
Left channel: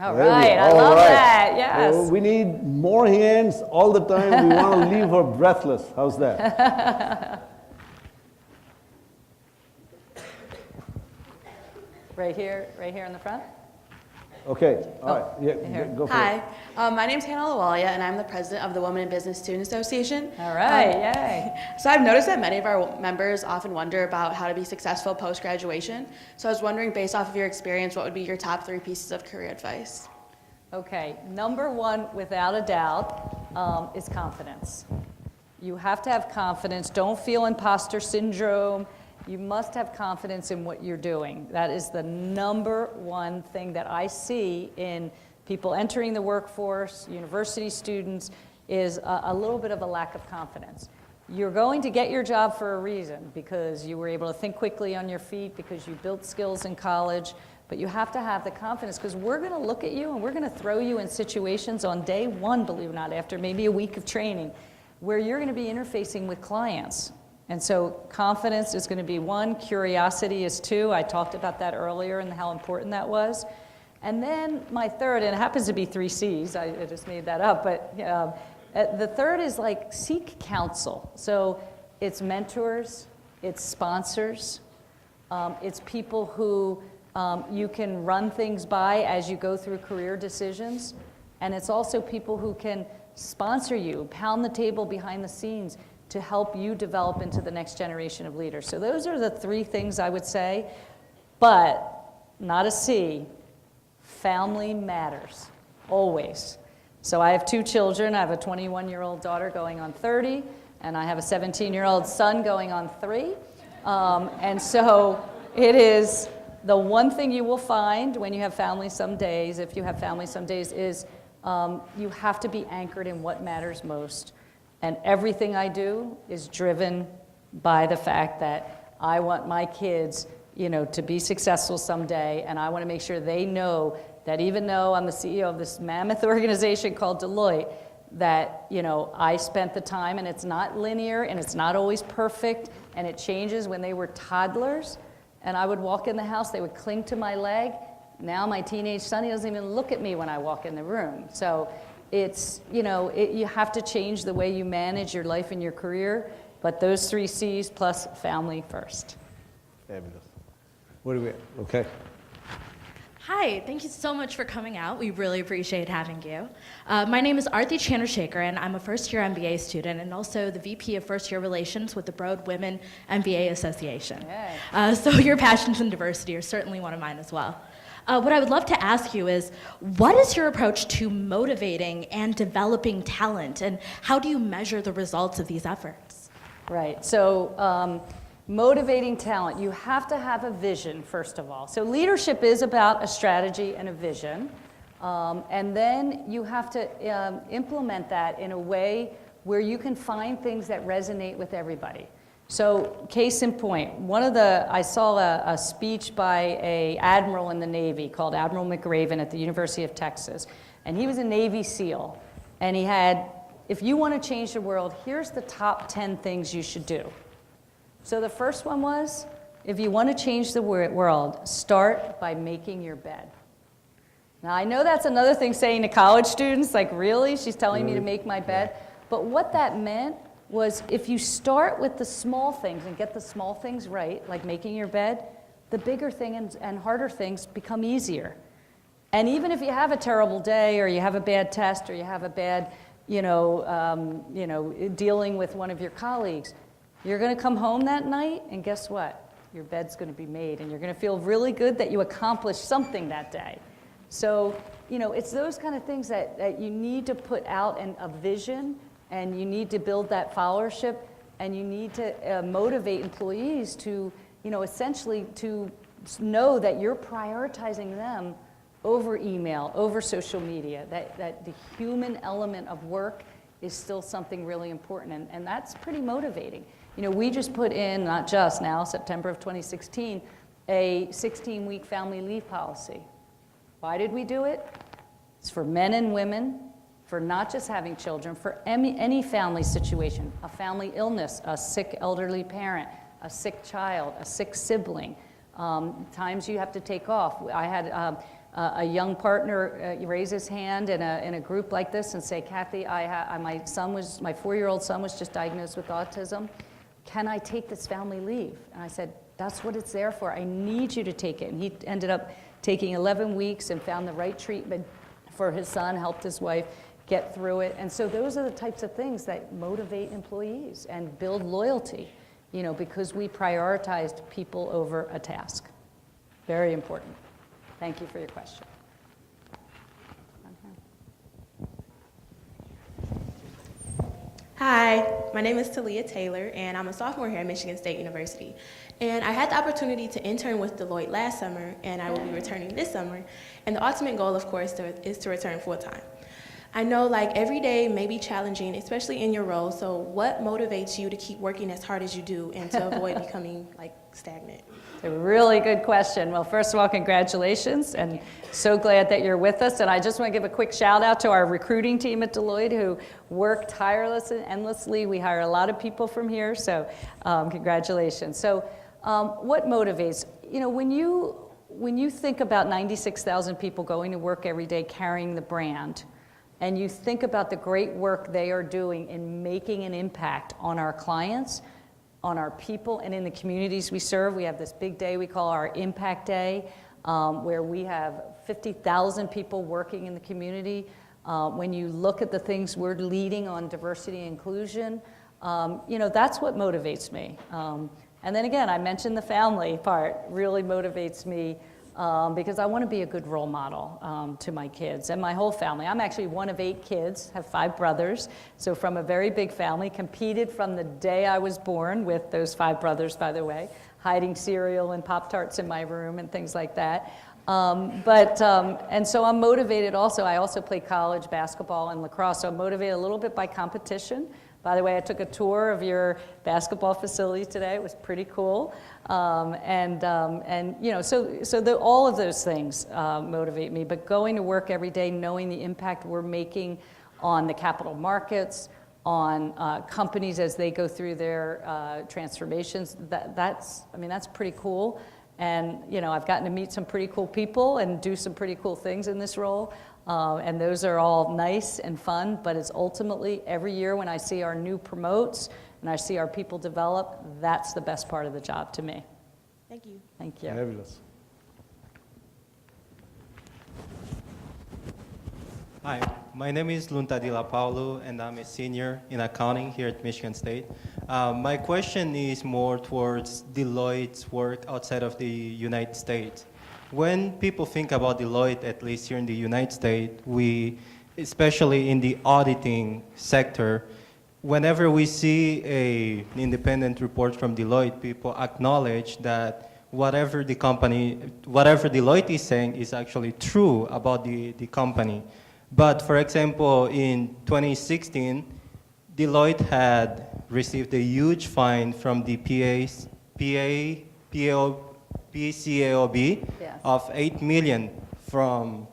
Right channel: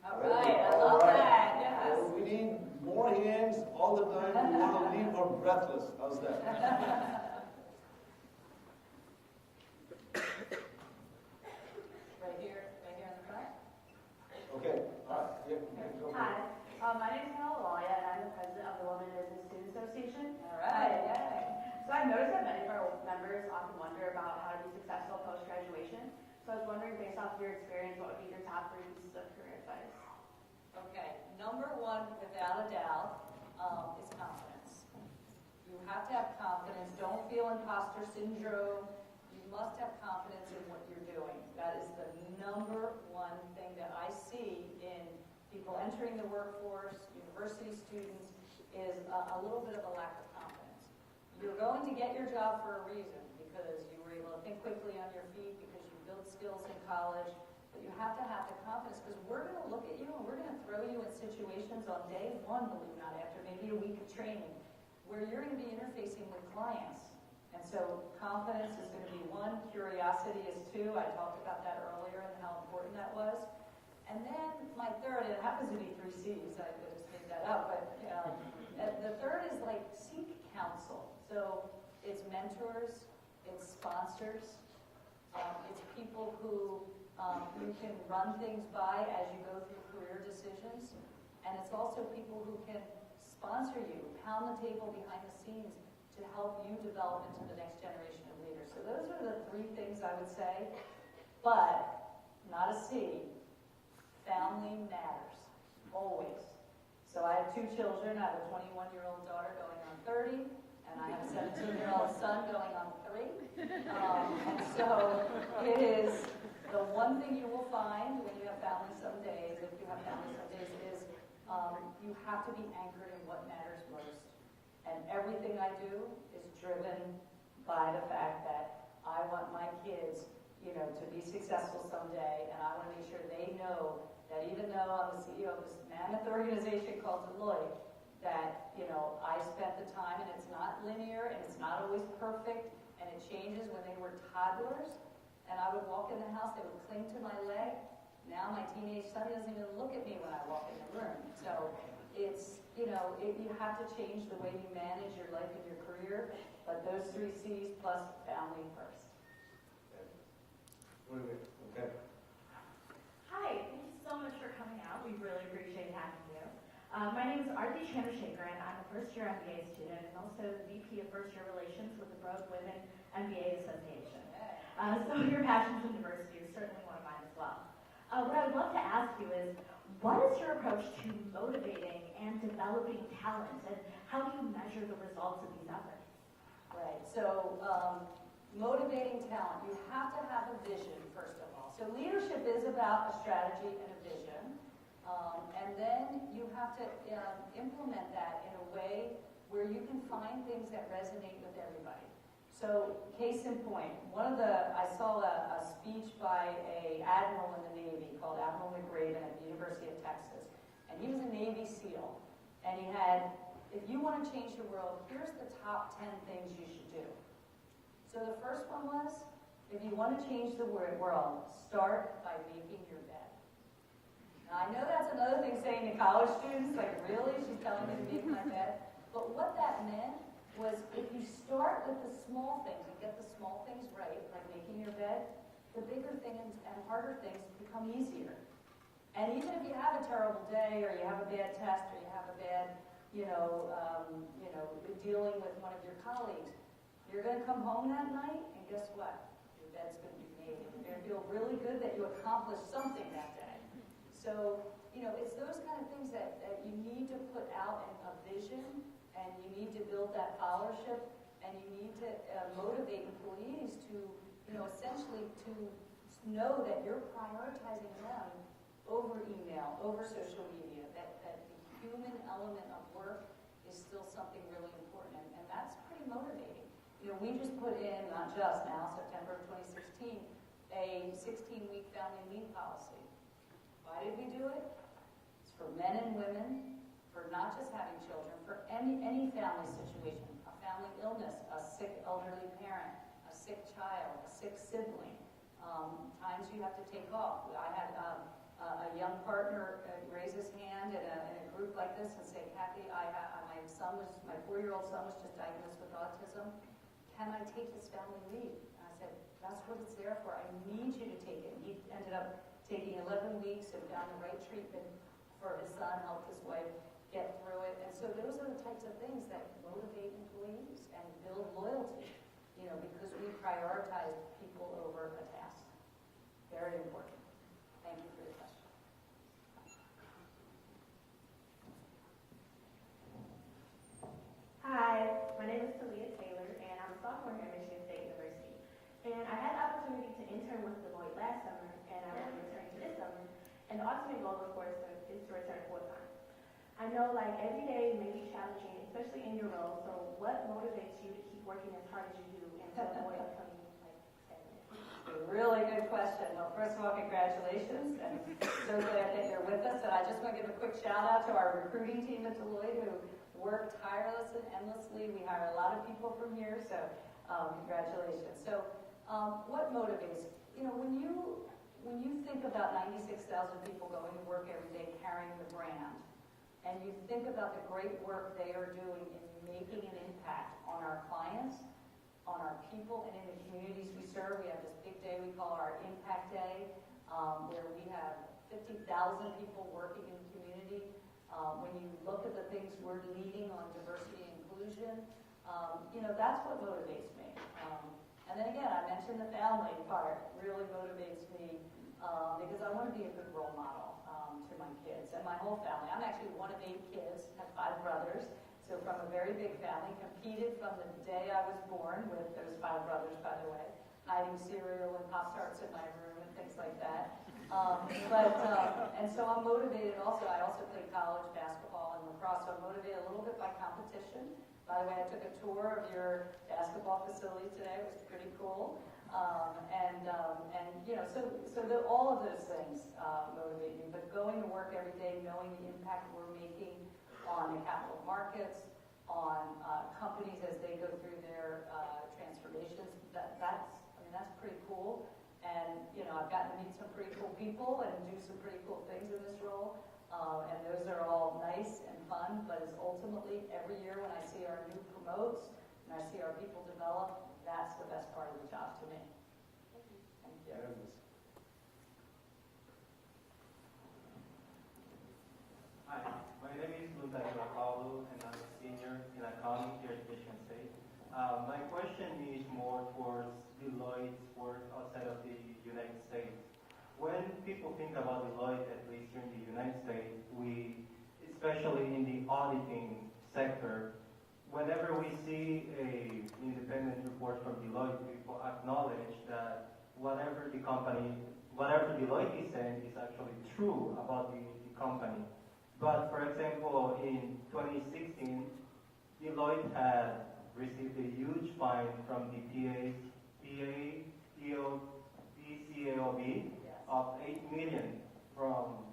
All right, I love that, yes. We need more hands all the time. We want to leave her breathless. How's that? Right here in the front. Okay, all right. Yeah, go for it. Hi, my name's Hannah Lawalia, and I'm the president of the Women in Business Student Association. All right, yay. So I've noticed that many of our members often wonder about how to be successful post-graduation. So I was wondering, based off of your experience, what would be your top 3 pieces of career advice? Okay, number one, without a doubt, is confidence. You have to have confidence. Don't feel imposter syndrome. You must have confidence in what you're doing. That is the number one thing that I see in people entering the workforce, university students, is a little bit of a lack of confidence. You're going to get your job for a reason, because you were able to think quickly on your feet, because you built skills in college, but you have to have the confidence, because we're going to look at you and we're going to throw you in situations on day one, believe it or not, after maybe a week of training, where you're going to be interfacing with clients. And so confidence is going to be 1, curiosity is 2. I talked about that earlier and how important that was. And then my third, and it happens to be 3 C's, I just made that up, but the third is like seek counsel. So it's mentors, it's sponsors, it's people who you can run things by as you go through career decisions, and it's also people who can sponsor you, pound the table behind the scenes, to help you develop into the next generation of leaders. So those are the 3 things I would say, but not a C, family matters, always. So I have 2 children. I have a 21-year-old daughter going on 30, and I have a 17-year-old son going on 3. And so it is the one thing you will find when you have family some days, if you have family some days, is you have to be anchored in what matters most. And everything I do is driven by the fact that I want my kids, you know, to be successful someday, and I want to make sure they know that even though I'm the CEO of this mammoth organization called Deloitte, that, you know, I spent the time, and it's not linear, and it's not always perfect, and it changes. When they were toddlers, and I would walk in the house, they would cling to my leg. Now my teenage son, he doesn't even look at me when I walk in the room. So it's, you know, you have to change the way you manage your life and your career, but those 3 C's plus family first. Fabulous. What do we, okay. Hi, thank you so much for coming out. We really appreciate having you. My name is Arti Chandrasekhar, and I'm a first-year MBA student and also the VP of First-Year Relations with the Broad Women MBA Association. So your passions and diversity are certainly one of mine as well. What I would love to ask you is, what is your approach to motivating and developing talent, and how do you measure the results of these efforts? Right, so motivating talent, you have to have a vision, first of all. So leadership is about a strategy and a vision, and then you have to implement that in a way where you can find things that resonate with everybody. So case in point, I saw a speech by an admiral in the Navy called Admiral McRaven at the University of Texas, and he was a Navy SEAL, and he had, if you want to change the world, here's the top 10 things you should do. So the first one was, if you want to change the world, start by making your bed. Now I know that's another thing saying to college students, like really? She's telling me to make my bed? But what that meant was if you start with the small things and get the small things right, like making your bed, the bigger thing and harder things become easier. And even if you have a terrible day or you have a bad test or you have a bad, dealing with one of your colleagues, you're going to come home that night and guess what? Your bed's going to be made and you're going to feel really good that you accomplished something that day. So, it's those kind of things that you need to put out in a vision, and you need to build that followership, and you need to motivate employees to, essentially to know that you're prioritizing them over email, over social media, that the human element of work is still something really important, and that's pretty motivating. We just put in, not just now, September of 2016, a 16-week family leave policy. Why did we do it? It's for men and women, for not just having children, for any family situation, a family illness, a sick elderly parent, a sick child, a sick sibling, times you have to take off. I had a young partner raise his hand in a group like this and say, Cathy, my 4-year-old son was just diagnosed with autism. Can I take this family leave? And I said, that's what it's there for. I need you to take it. And he ended up taking 11 weeks and found the right treatment for his son, helped his wife get through it. And so those are the types of things that motivate employees and build loyalty, because we prioritized people over a task. Very important. Thank you for your question. Hi, my name is Talia Taylor, and I'm a sophomore here at Michigan State University. And I had the opportunity to intern with Deloitte last summer, and I will be returning this summer. And the ultimate goal, of course, is to return full-time. I know every day may be challenging, especially in your role, so what motivates you to keep working as hard as you do and to avoid becoming stagnant? A really good question. Well, first of all, congratulations, and so glad that you're with us. And I just want to give a quick shout out to our recruiting team at Deloitte who work tirelessly and endlessly. We hire a lot of people from here, so congratulations. So what motivates? When you think about 96,000 people going to work every day carrying the brand, and you think about the great work they are doing in making an impact on our clients, on our people, and in the communities we serve. We have this big day we call our Impact Day, where we have 50,000 people working in the community. When you look at the things we're leading on diversity and inclusion, that's what motivates me. And then again, I mentioned the family part really motivates me because I want to be a good role model to my kids and my whole family. I'm actually one of 8 kids, have 5 brothers, so from a very big family, competed from the day I was born with those 5 brothers, by the way, hiding cereal and Pop-Tarts in my room and things like that. And so I'm motivated also. I also play college basketball and lacrosse, so I'm motivated a little bit by competition. By the way, I took a tour of your basketball facility today. It was pretty cool. All of those things motivate me. But going to work every day, knowing the impact we're making on the capital markets, on companies as they go through their transformations, that's pretty cool. And I've gotten to meet some pretty cool people and do some pretty cool things in this role. And those are all nice and fun, but it's ultimately every year when I see our new promotes and I see our people develop, that's the best part of the job to me. Thank you. Thank you. Fabulous. Hi, my name is Lunta Di La Paulo, and I'm a senior in accounting here at Michigan State. My question is more towards Deloitte's work outside of the United States. when people think about Deloitte, at least here in the United States, especially in the auditing sector, whenever we see an independent report from Deloitte, people acknowledge that whatever Deloitte is saying is actually true about the company. But for example, in 2016, Deloitte had received a huge fine from the PCAOB Yes. of 8 million from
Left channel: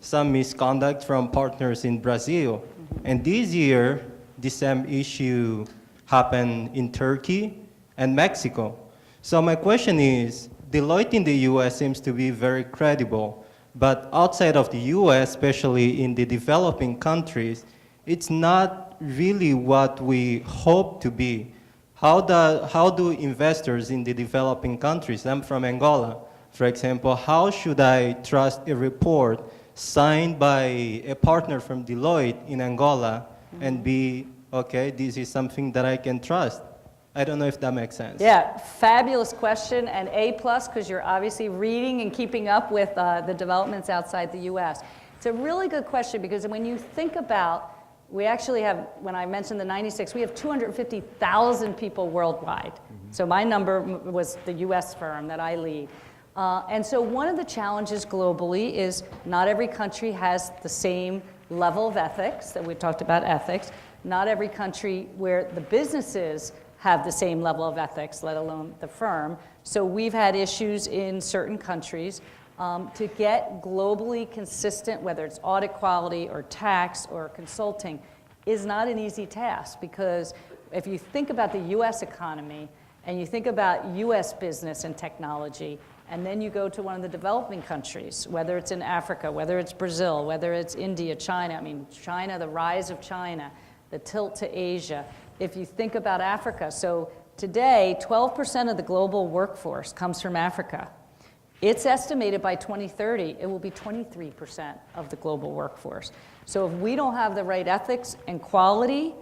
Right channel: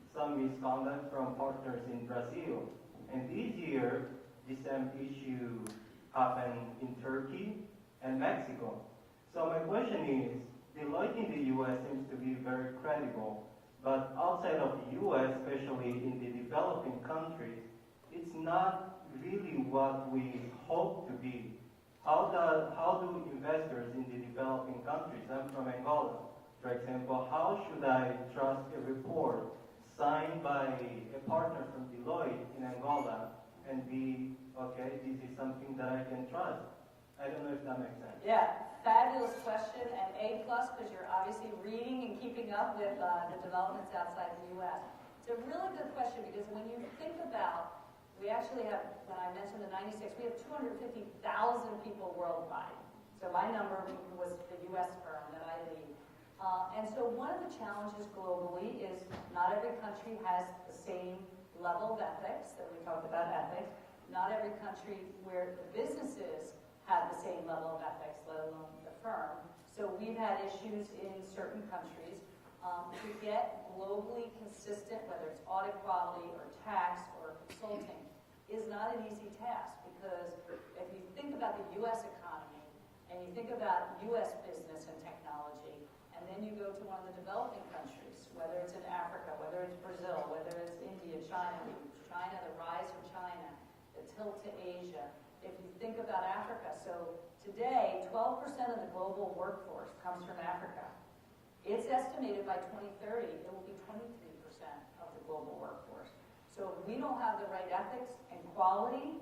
some misconduct from partners in Brazil. And this year, the same issue happened in Turkey and Mexico. So my question is, Deloitte in the US seems to be very credible, but outside of the US, especially in the developing countries, it's not really what we hope to be. How do investors in the developing countries, I'm from Angola, for example, how should I trust a report signed by a partner from Deloitte in Angola and be, okay, this is something that I can trust? I don't know if that makes sense. Yeah, fabulous question, and A+, because you're obviously reading and keeping up with the developments outside the U.S. It's a really good question, because when you think about, we actually have, when I mentioned the 96, we have 250,000 people worldwide. So my number was the U.S. firm that I lead. And so one of the challenges globally is not every country has the same level of ethics, that we talked about ethics. Not every country where the businesses have the same level of ethics, let alone the firm. So we've had issues in certain countries to get globally consistent, whether it's audit quality or tax or consulting, is not an easy task, because if you think about the US economy and you think about US business and technology, and then you go to one of the developing countries, whether it's in Africa, whether it's Brazil, whether it's India, China, I mean, China, the rise of China, the tilt to Asia. If you think about Africa, so today, 12% of the global workforce comes from Africa. It's estimated by 2030, it will be 23% of the global workforce. So if we don't have the right ethics and quality,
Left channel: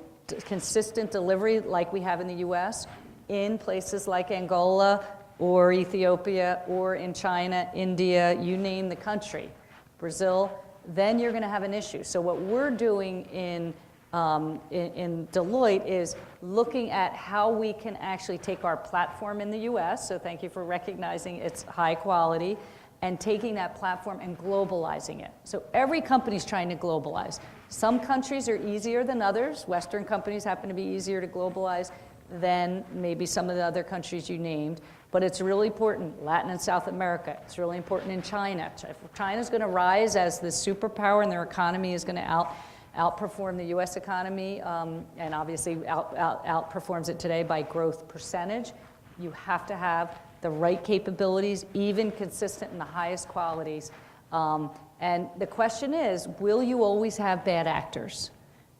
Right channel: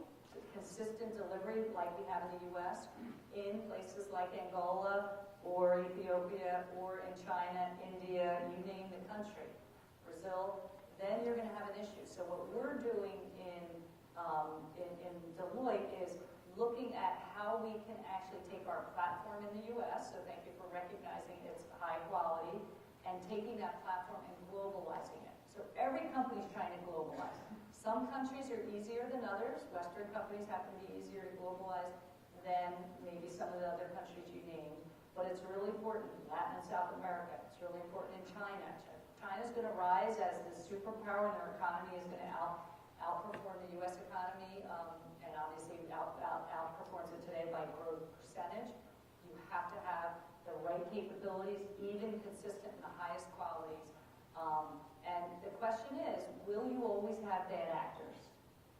consistent delivery like we have in the US, in places like Angola or Ethiopia or in China, India, you name the country, Brazil, then you're going to have an issue. So what we're doing in Deloitte is looking at how we can actually take our platform in the US, so thank you for recognizing its high quality, and taking that platform and globalizing it. So every company's trying to globalize. Some countries are easier than others. Western companies happen to be easier to globalize than maybe some of the other countries you named. But it's really important, Latin and South America. It's really important in China. If China's going to rise as the superpower and their economy is going to outperform the US economy, and obviously outperforms it today by growth percentage, you have to have the right capabilities, even consistent in the highest qualities. And the question is, will you always have bad actors?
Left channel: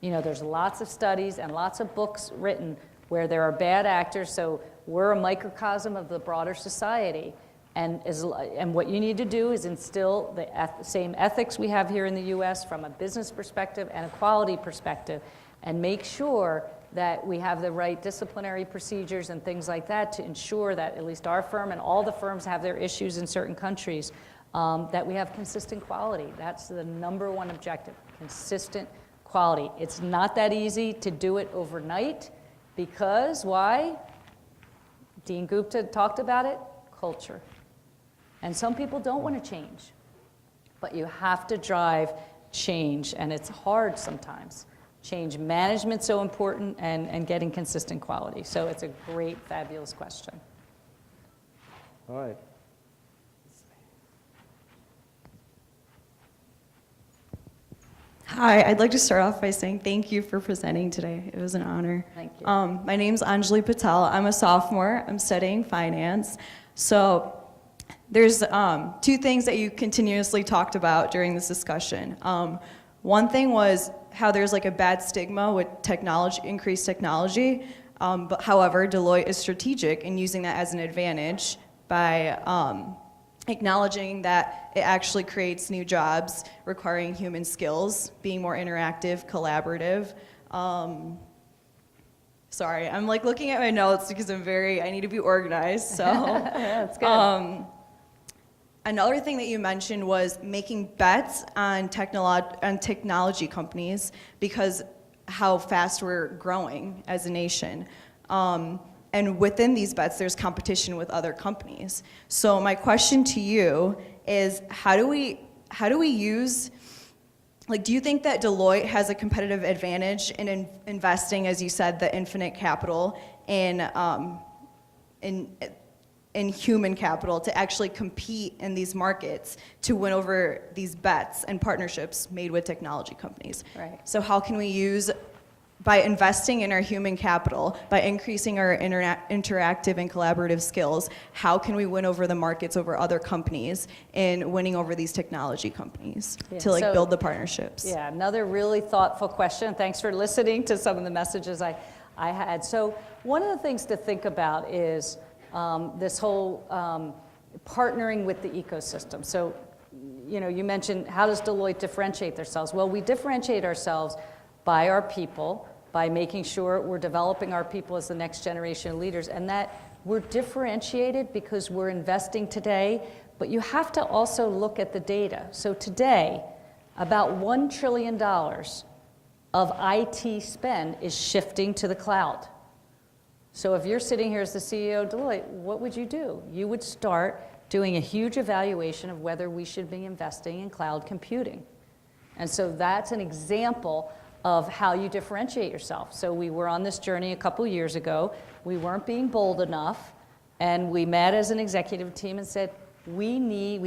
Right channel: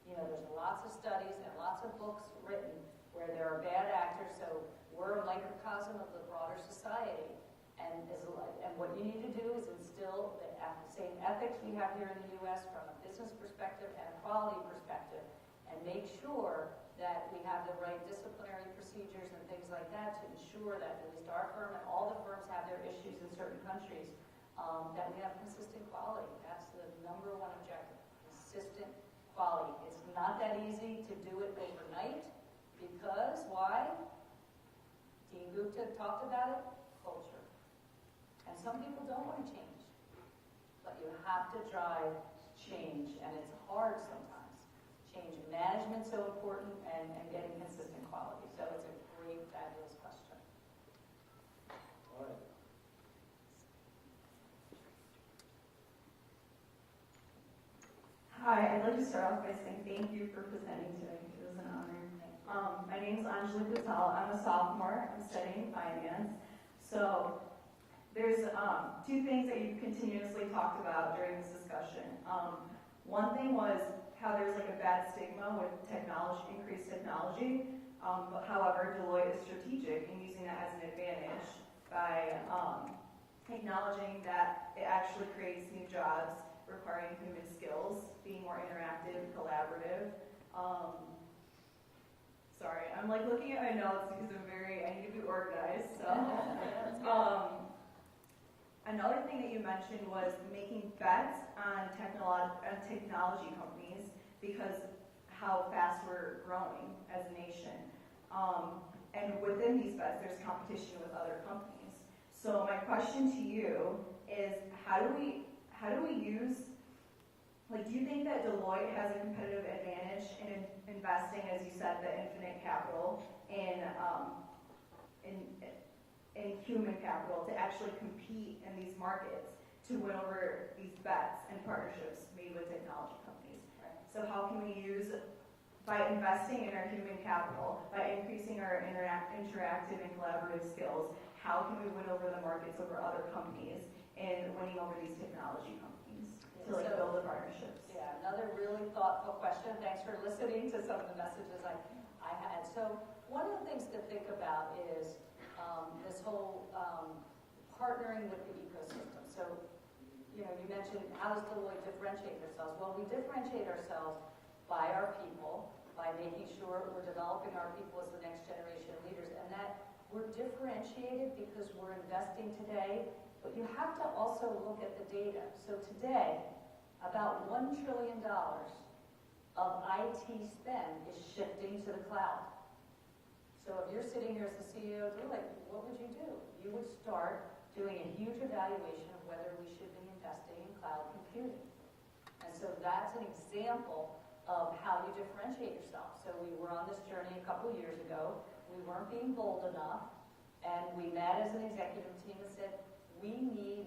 You know, there's lots of studies and lots of books written where there are bad actors, so we're a microcosm of the broader society. And what you need to do is instill the same ethics we have here in the US from a business perspective and a quality perspective, and make sure that we have the right disciplinary procedures and things like that to ensure that at least our firm and all the firms have their issues in certain countries, that we have consistent quality. That's the number one objective, consistent quality. It's not that easy to do it overnight, because why? Dean Gupta talked about it, culture. And some people don't want to change, but you have to drive change, and it's hard sometimes. Change management's so important, and getting consistent quality. So it's a great, fabulous question. All right. Hi, I'd like to start off by saying thank you for presenting today. It was an honor. Thank you. My name's Anjali Patel. I'm a sophomore. I'm studying finance. So there's two things that you continuously talked about during this discussion. One thing was how there's like a bad stigma with technology, increased technology. But however, Deloitte is strategic in using that as an advantage by acknowledging that it actually creates new jobs requiring human skills, being more interactive, collaborative. Sorry, I'm like looking at my notes because I need to be organized, so. Yeah, that's good. Another thing that you mentioned was making bets on technology companies because how fast we're growing as a nation. And within these bets, there's competition with other companies. So my question to you is, how do we use, like, do you think that Deloitte has a competitive advantage in investing, as you said, the infinite capital in human capital to actually compete in these markets to win over these bets and partnerships made with technology companies? Right. So how can we use, by investing in our human capital, by increasing our interactive and collaborative skills, how can we win over the markets over other companies and winning over these technology companies to like build the partnerships? Yeah, another really thoughtful question. Thanks for listening to some of the messages I had. So one of the things to think about is this whole partnering with the ecosystem. So, you know, you mentioned, how does Deloitte differentiate themselves? Well, we differentiate ourselves by our people, by making sure we're developing our people as the next generation of leaders, and that we're differentiated because we're investing today, but you have to also look at the data. So today, about $1 trillion of IT spend is shifting to the cloud. So if you're sitting here as the CEO of Deloitte, what would you do? You would start doing a huge evaluation of whether we should be investing in cloud computing. And so that's an example of how you differentiate yourself. So we were on this journey a couple years ago. We weren't being bold enough, and we met as an executive team and said, we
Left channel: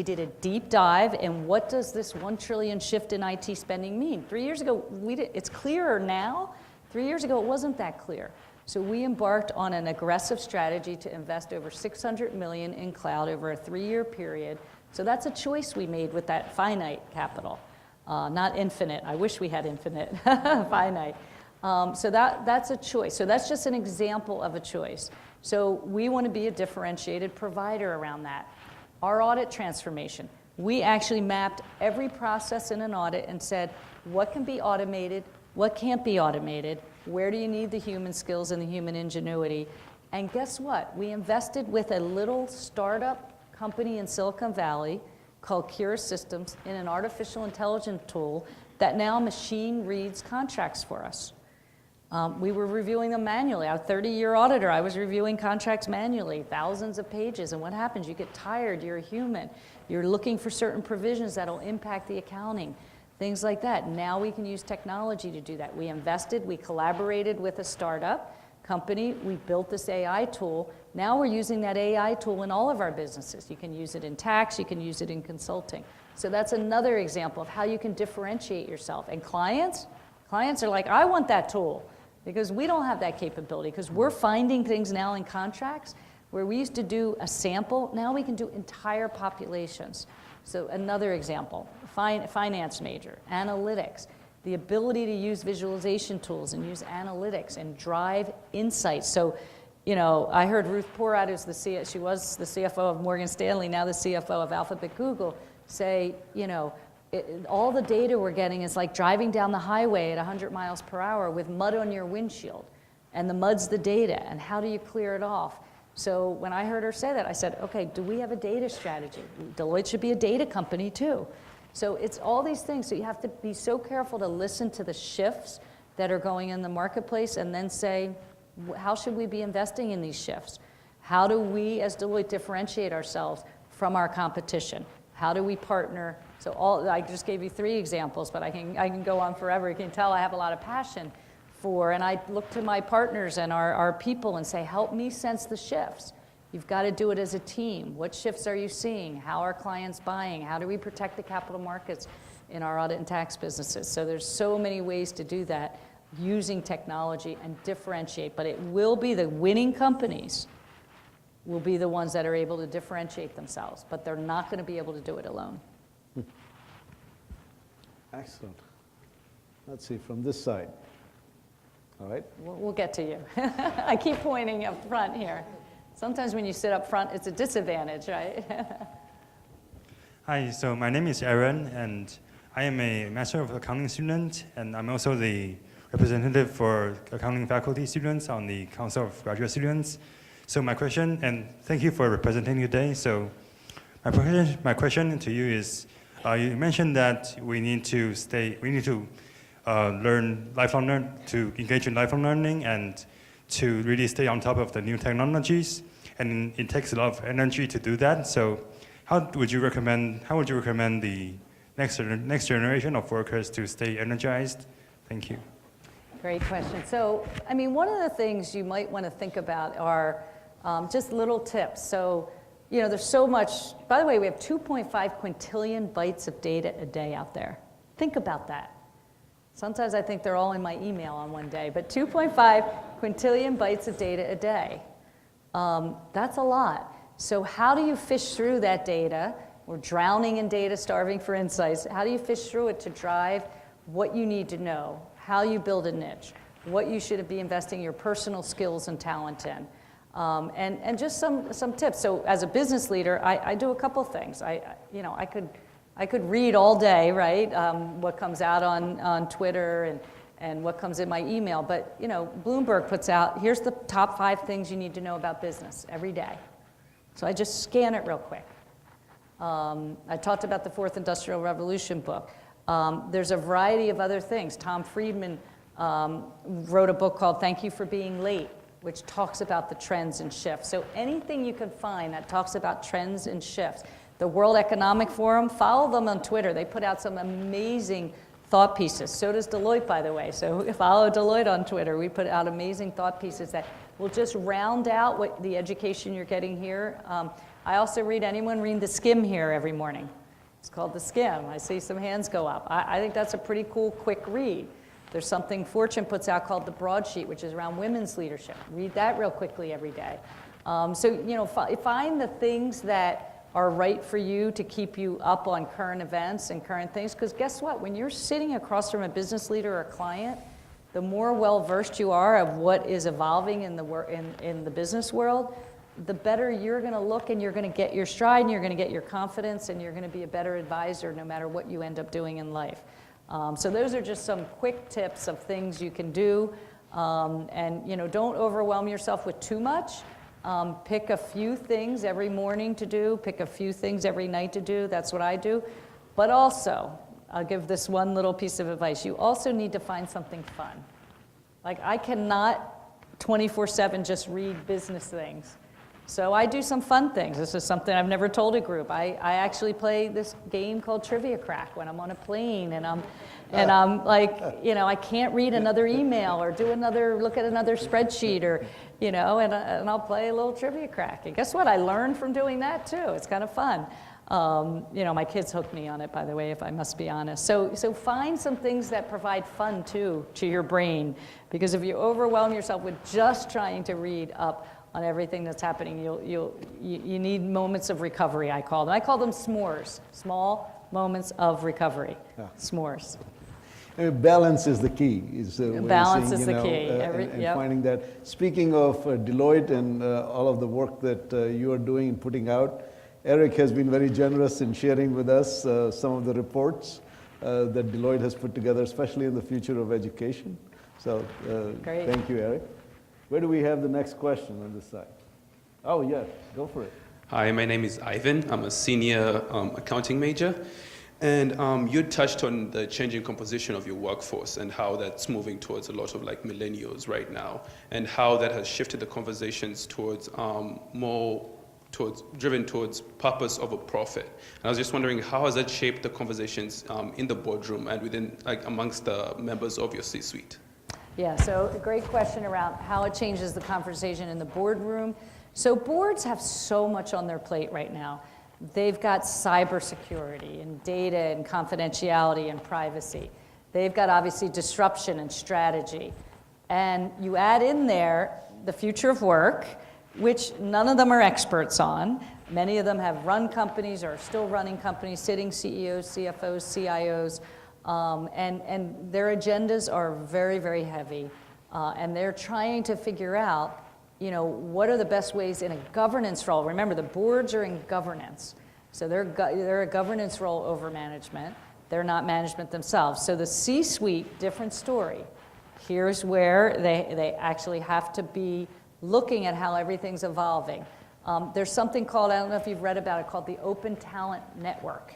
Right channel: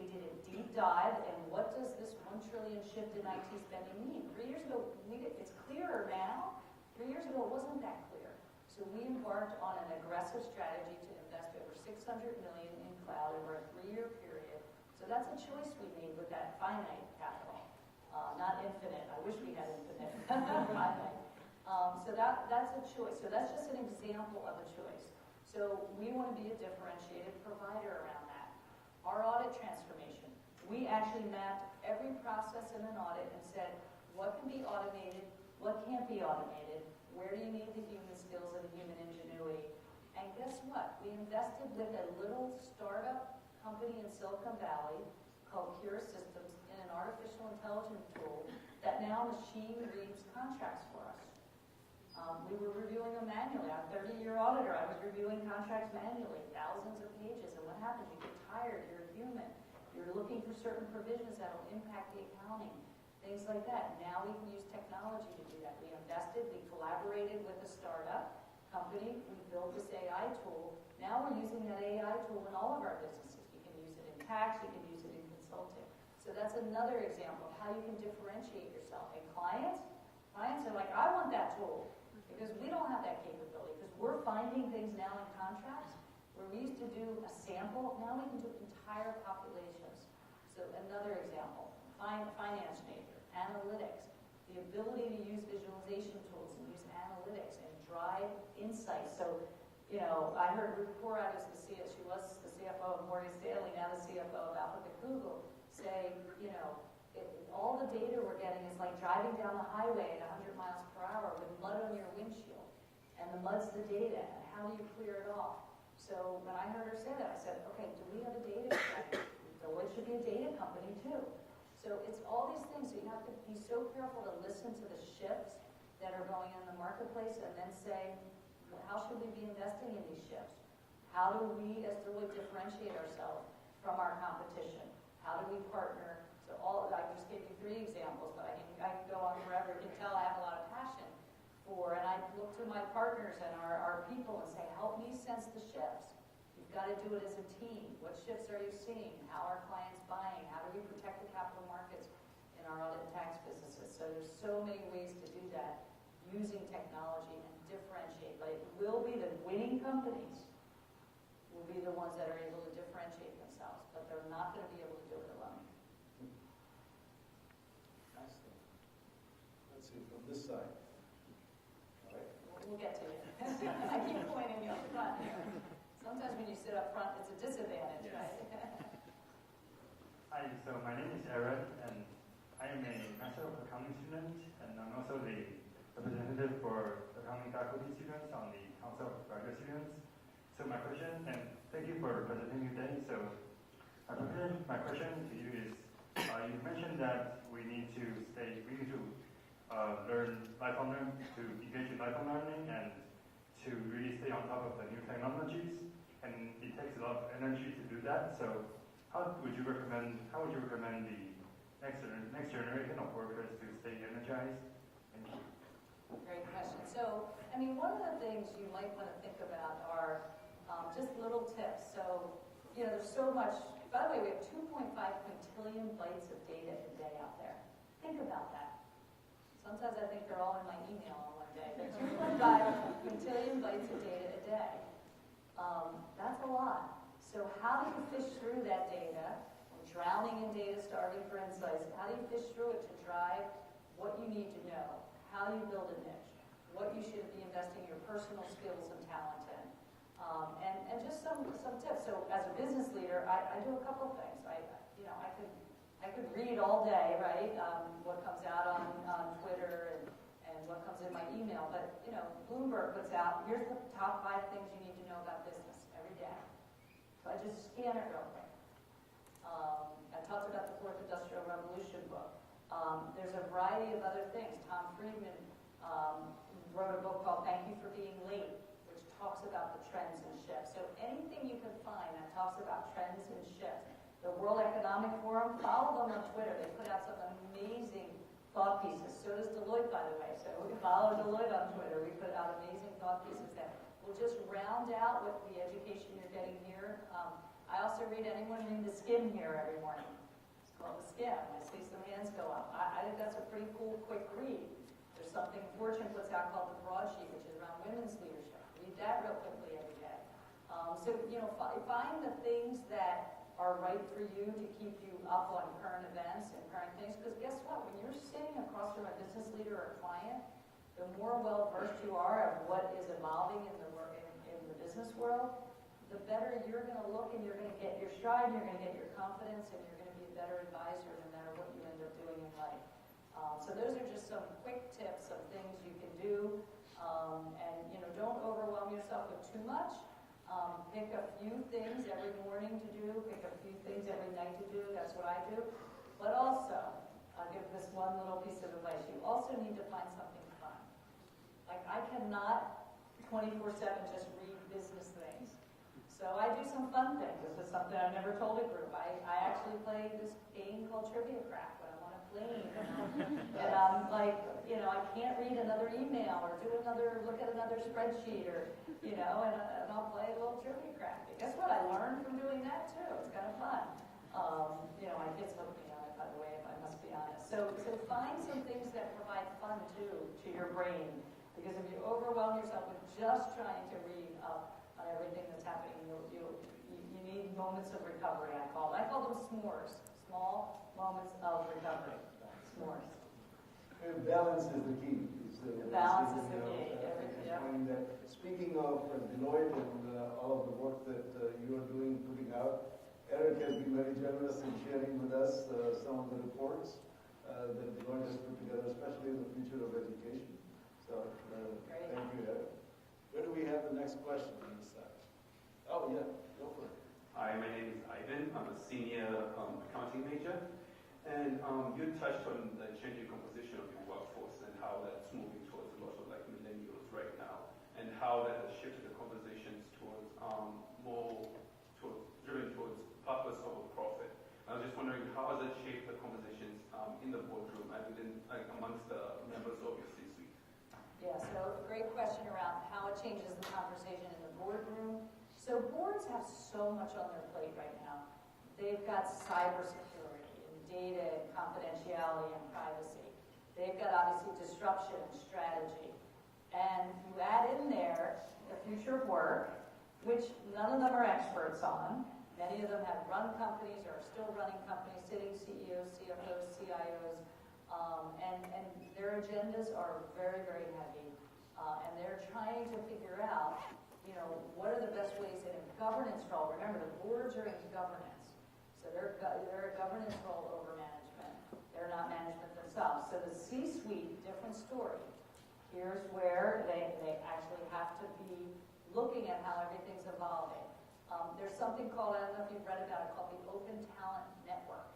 did a deep dive, and what does this $1 trillion shift in IT spending mean? 3 years ago, it's clearer now. 3 years ago, it wasn't that clear. So we embarked on an aggressive strategy to invest over $600 million in cloud over a 3-year period. So that's a choice we made with that finite capital. Not infinite. I wish we had infinite, finite. So that's a choice. So that's just an example of a choice. So we want to be a differentiated provider around that. Our audit transformation, we actually mapped every process in an audit and said, what can be automated, what can't be automated, where do you need the human skills and the human ingenuity? And guess what? We invested with a little startup company in Silicon Valley called Cura Systems in an artificial intelligence tool that now machine reads contracts for us. We were reviewing them manually. Our 30-year auditor, I was reviewing contracts manually, thousands of pages. And what happens? You get tired. You're a human. You're looking for certain provisions that will impact the accounting, things like that. Now we can use technology to do that. We invested. We collaborated with a startup company. We built this AI tool. Now we're using that AI tool in all of our businesses. You can use it in tax. You can use it in consulting. So that's another example of how you can differentiate yourself. And clients are like, I want that tool. Because we don't have that capability, because we're finding things now in contracts where we used to do a sample, now we can do entire populations. So another example, finance major, analytics, the ability to use visualization tools and use analytics and drive insights. So, you know, I heard Ruth Porat, she was the CFO of Morgan Stanley, now the CFO of Alphabet Google, say, you know, all the data we're getting is like driving down the highway at 100 miles per hour with mud on your windshield. And the mud's the data, and how do you clear it off? So when I heard her say that, I said, okay, do we have a data strategy? Deloitte should be a data company too. So it's all these things. So you have to be so careful to listen to the shifts that are going in the marketplace and then say, how should we be investing in these shifts? How do we as Deloitte differentiate ourselves from our competition? How do we partner? So I just gave you 3 examples, but I can go on forever. You can tell I have a lot of passion for, and I look to my partners and our people and say, help me sense the shifts. You've got to do it as a team. What shifts are you seeing? How are clients buying? How do we protect the capital markets in our audit and tax businesses? So there's so many ways to do that using technology and differentiate, but it will be the winning companies will be the ones that are able to differentiate themselves, but they're not going to be able to do it alone. Excellent. Let's see, from this side. All right. We'll get to you. I keep pointing up front here. Sometimes when you sit up front, it's a disadvantage, right? Hi, so my name is Aaron, and I am a Master of Accounting student, and I'm also the representative for accounting faculty students on the Council of Graduate Students. So my question, and thank you for representing today. So My question to you is, you mentioned that we need to engage in lifelong learning and to really stay on top of the new technologies, and it takes a lot of energy to do that. So, how would you recommend the next generation of workers to stay energized? Thank you. Great question. So, I mean, one of the things you might want to think about are just little tips. So, you know, there's so much. By the way, we have 2.5 quintillion bytes of data a day out there. Think about that. Sometimes I think they're all in my email on one day, but 2.5 quintillion bytes of data a day. That's a lot. So how do you fish through that data? We're drowning in data, starving for insights. How do you fish through it to drive what you need to know, how you build a niche, what you should be investing your personal skills and talent in? And just some tips. So as a business leader, I do a couple things. I could read all day, right, what comes out on Twitter and what comes in my email. But, you know, Bloomberg puts out, here's the top 5 things you need to know about business every day. So I just scan it real quick. I talked about the Fourth Industrial Revolution book. There's a variety of other things. Tom Friedman wrote a book called Thank You for Being Late, which talks about the trends and shifts. So anything you can find that talks about trends and shifts. The World Economic Forum, follow them on Twitter. They put out some amazing thought pieces. So does Deloitte, by the way. So follow Deloitte on Twitter. We put out amazing thought pieces that will just round out what the education you're getting here. I also read, anyone read The Skim here every morning? It's called The Skim. I see some hands go up. I think that's a pretty cool, quick read. There's something Fortune puts out called The Broadsheet, which is around women's leadership. Read that real quickly every day. So, you know, find the things that are right for you to keep you up on current events and current things. Because guess what? When you're sitting across from a business leader or a client, the more well-versed you are of what is evolving in the business world, the better you're going to look, and you're going to get your stride, and you're going to get your confidence, and you're going to be a better advisor no matter what you end up doing in life. So those are just some quick tips of things you can do. And, you know, don't overwhelm yourself with too much. Pick a few things every morning to do, pick a few things every night to do. That's what I do. But also, I'll give this one little piece of advice. You also need to find something fun. Like, I cannot 24/7 just read business things. So I do some fun things. This is something I've never told a group. I actually play this game called Trivia Crack when I'm on a plane, and I'm like, you know, I can't read another email or look at another spreadsheet, or, you know, and I'll play a little Trivia Crack. And guess what? I learned from doing that too. It's kind of fun. You know, my kids hooked me on it, by the way, if I must be honest. So find some things that provide fun too to your brain, because if you overwhelm yourself with just trying to read up on everything that's happening, you need moments of recovery, I call them. I call them s'mores, small moments of recovery, s'mores. I mean, balance is the key. Balance is the key. And finding that. Speaking of Deloitte and all of the work that you are doing and putting out, Eric has been very generous in sharing with us some of the reports that Deloitte has put together, especially in the future of education. So thank you, Eric. Where do we have the next question on this side? Oh, yeah, go for it. Hi, my name is Ivan. I'm a senior accounting major. And you touched on the changing composition of your workforce and how that's moving towards a lot of like millennials right now, and how that has shifted the conversations towards driven towards purpose over profit. And I was just wondering, how has that shaped the conversations in the boardroom and within, like, amongst the members of your C-suite? Yeah, so a great question around how it changes the conversation in the boardroom. So boards have so much on their plate right now. They've got cybersecurity and data and confidentiality and privacy. They've got obviously disruption and strategy. And you add in there the future of work, which none of them are experts on. Many of them have run companies or are still running companies, sitting CEOs, CFOs, CIOs. And their agendas are very, very heavy, and they're trying to figure out, you know, what are the best ways in a governance role. Remember, the boards are in governance, so they're a governance role over management. They're not management themselves. So the C-suite, different story. Here's where they actually have to be looking at how everything's evolving. There's something called, I don't know if you've read about it, called the Open Talent Network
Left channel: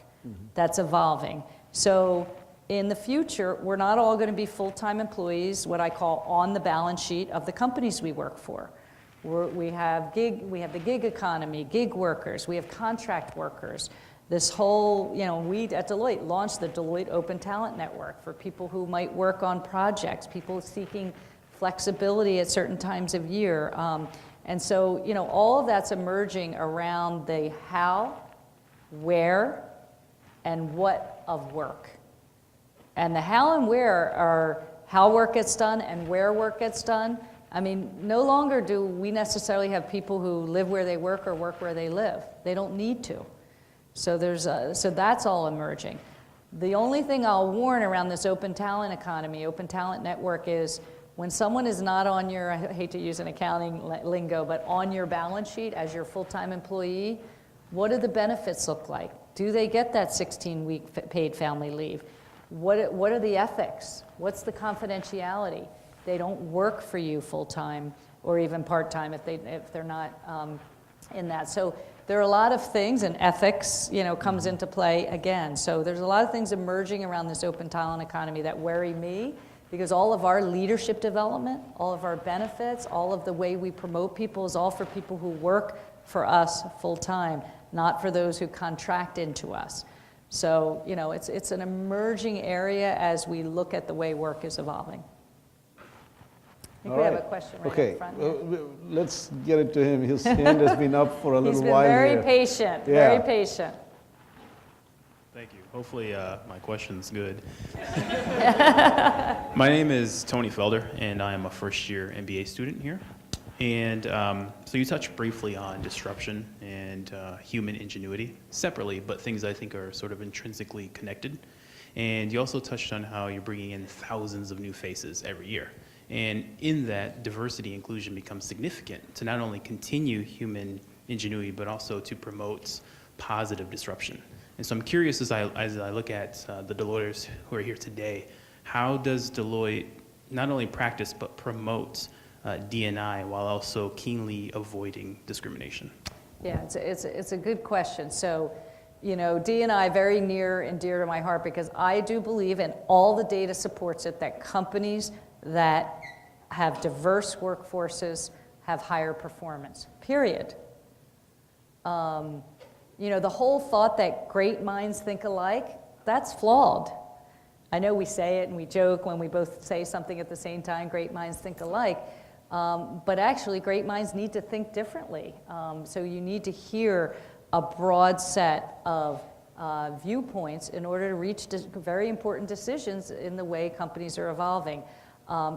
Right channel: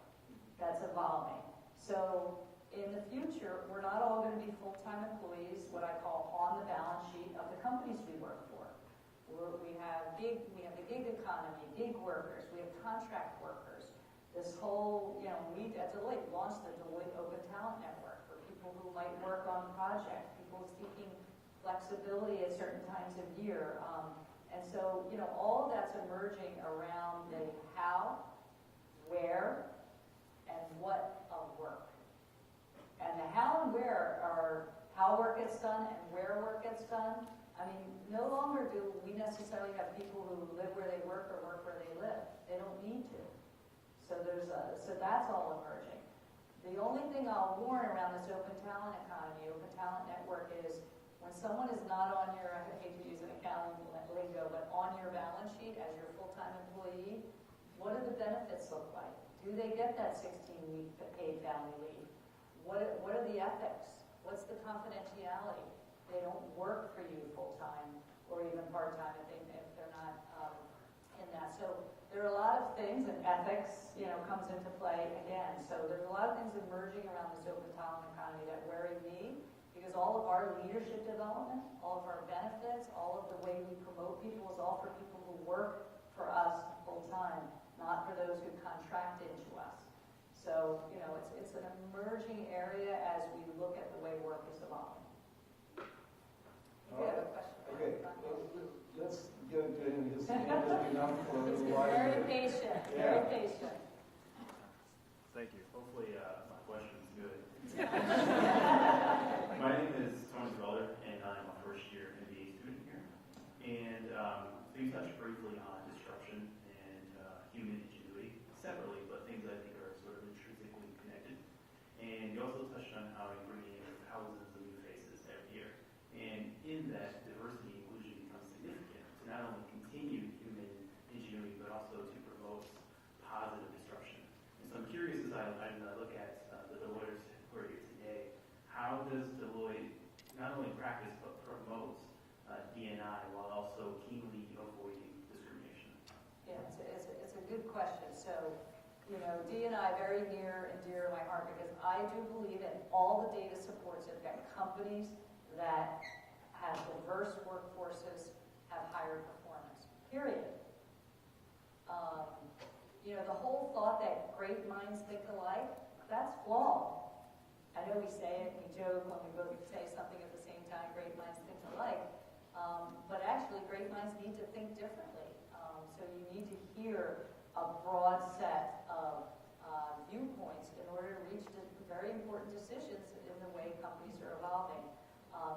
that's evolving. So in the future, we're not all going to be full-time employees, what I call on the balance sheet of the companies we work for. We have the gig economy, gig workers, we have contract workers. This whole, we at Deloitte launched the Deloitte Open Talent Network for people who might work on projects, people seeking flexibility at certain times of year. And so, all of that's emerging around the how, where, and what of work. And the how and where are how work gets done and where work gets done. I mean, no longer do we necessarily have people who live where they work or work where they live. They don't need to. So so that's all emerging. The only thing I'll warn around this open talent economy, open talent network is when someone is not on your, I hate to use an accounting lingo, but on your balance sheet as your full-time employee, what do the benefits look like? Do they get that 16-week paid family leave? What are the ethics? What's the confidentiality? They don't work for you full-time or even part-time if they're not in that. So there are a lot of things, and ethics, comes into play again. So there's a lot of things emerging around this open talent economy that worry me, because all of our leadership development, all of our benefits, all of the way we promote people is all for people who work for us full-time, not for those who contract into us. So, it's an emerging area as we look at the way work is evolving. I think we have a question right in front here. Let's get it to him. His hand has been up for a little while. He's been very here. patient, Yeah. very patient. Thank you. Hopefully my question's good. My name is Tony Felder, and I am a first-year MBA student here. And so you touched briefly on disruption and human ingenuity separately, but things I think are sort of intrinsically connected. And you also touched on how you're bringing in thousands of new faces every year. And in that, diversity and inclusion becomes significant to not only continue human ingenuity, but also to promote positive disruption. And so I'm curious, as I look at the Deloitters who are here today, how does Deloitte not only practice but promote D&I while also keenly avoiding discrimination? Yeah, it's a good question. So, D&I very near and dear to my heart, because I do believe, and all the data supports it, that companies that have diverse workforces have higher performance, period. The whole thought that great minds think alike, that's flawed. I know we say it and we joke when we both say something at the same time, great minds think alike, but actually great minds need to think differently. So you need to hear a broad set of viewpoints in order to reach very important decisions in the way companies are evolving.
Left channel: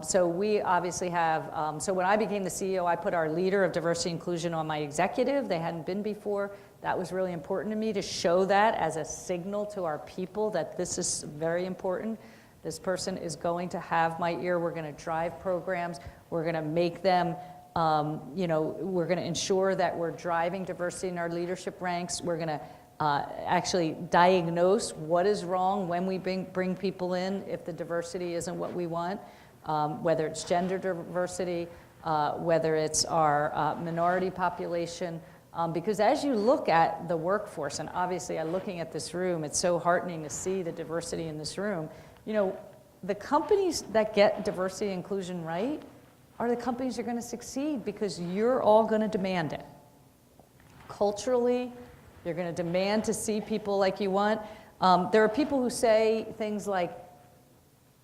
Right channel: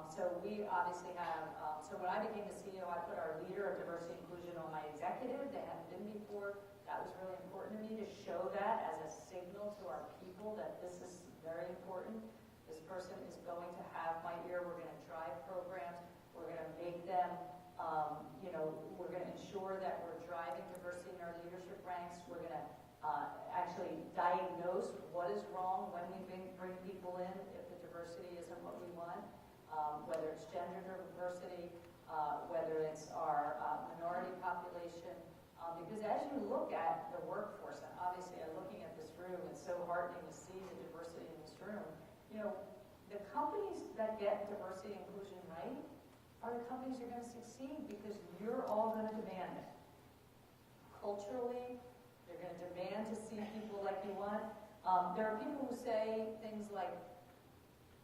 So we obviously have, so when I became the CEO, I put our leader of diversity and inclusion on my executive. They hadn't been before. That was really important to me, to show that as a signal to our people that this is very important. This person is going to have my ear. We're going to drive programs. We're going to make them, we're going to ensure that we're driving diversity in our leadership ranks. We're going to actually diagnose what is wrong when we bring people in if the diversity isn't what we want. Whether it's gender diversity, whether it's our minority population, because as you look at the workforce, and obviously I'm looking at this room, it's so heartening to see the diversity in this room. The companies that get diversity and inclusion right are the companies that are going to succeed, because you're all going to demand it. Culturally, you're going to demand to see people like you want. There are people who say things like,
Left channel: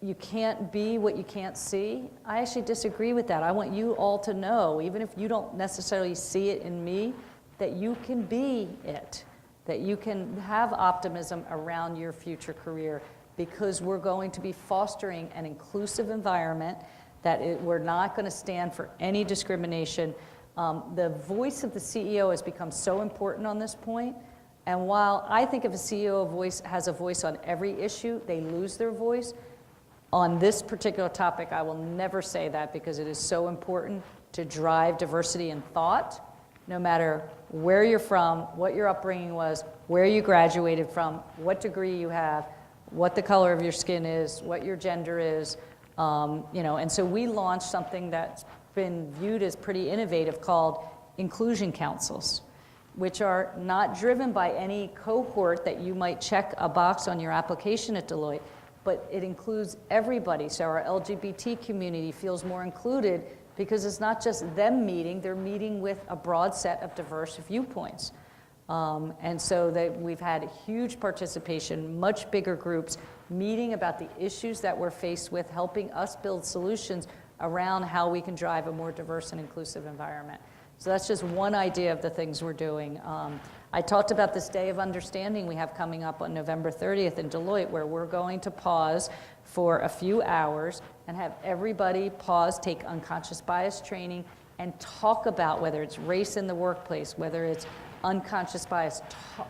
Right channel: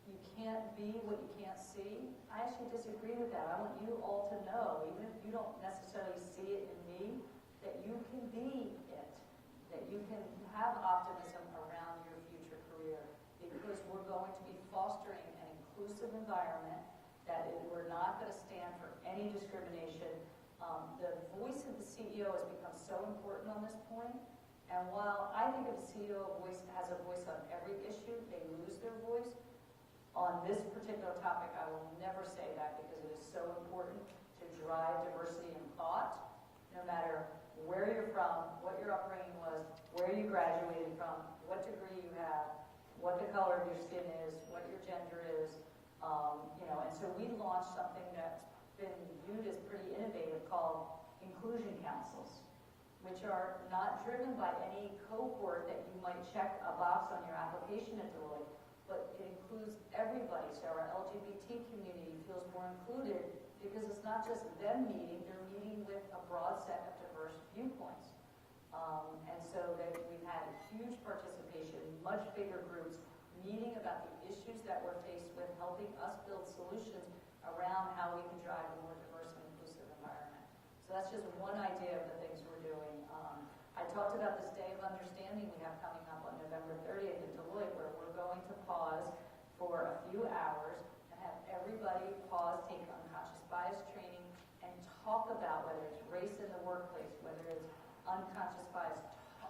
you can't be what you can't see. I actually disagree with that. I want you all to know, even if you don't necessarily see it in me, that you can be it, that you can have optimism around your future career, because we're going to be fostering an inclusive environment, that we're not going to stand for any discrimination. The voice of the CEO has become so important on this point, and while I think if a CEO has a voice on every issue, they lose their voice. On this particular topic, I will never say that, because it is so important to drive diversity in thought, no matter where you're from, what your upbringing was, where you graduated from, what degree you have, what the color of your skin is, what your gender is, and so we launched something that's been viewed as pretty innovative called inclusion councils, which are not driven by any cohort that you might check a box on your application at Deloitte, but it includes everybody. So our LGBT community feels more included because it's not just them meeting, they're meeting with a broad set of diverse viewpoints. And so we've had huge participation, much bigger groups, meeting about the issues that we're faced with, helping us build solutions around how we can drive a more diverse and inclusive environment. So that's just one idea of the things we're doing. I talked about this Day of Understanding we have coming up on November 30th in Deloitte, where we're going to pause for a few hours and have everybody pause, take unconscious bias training, and talk about whether it's race in the workplace, whether it's unconscious bias.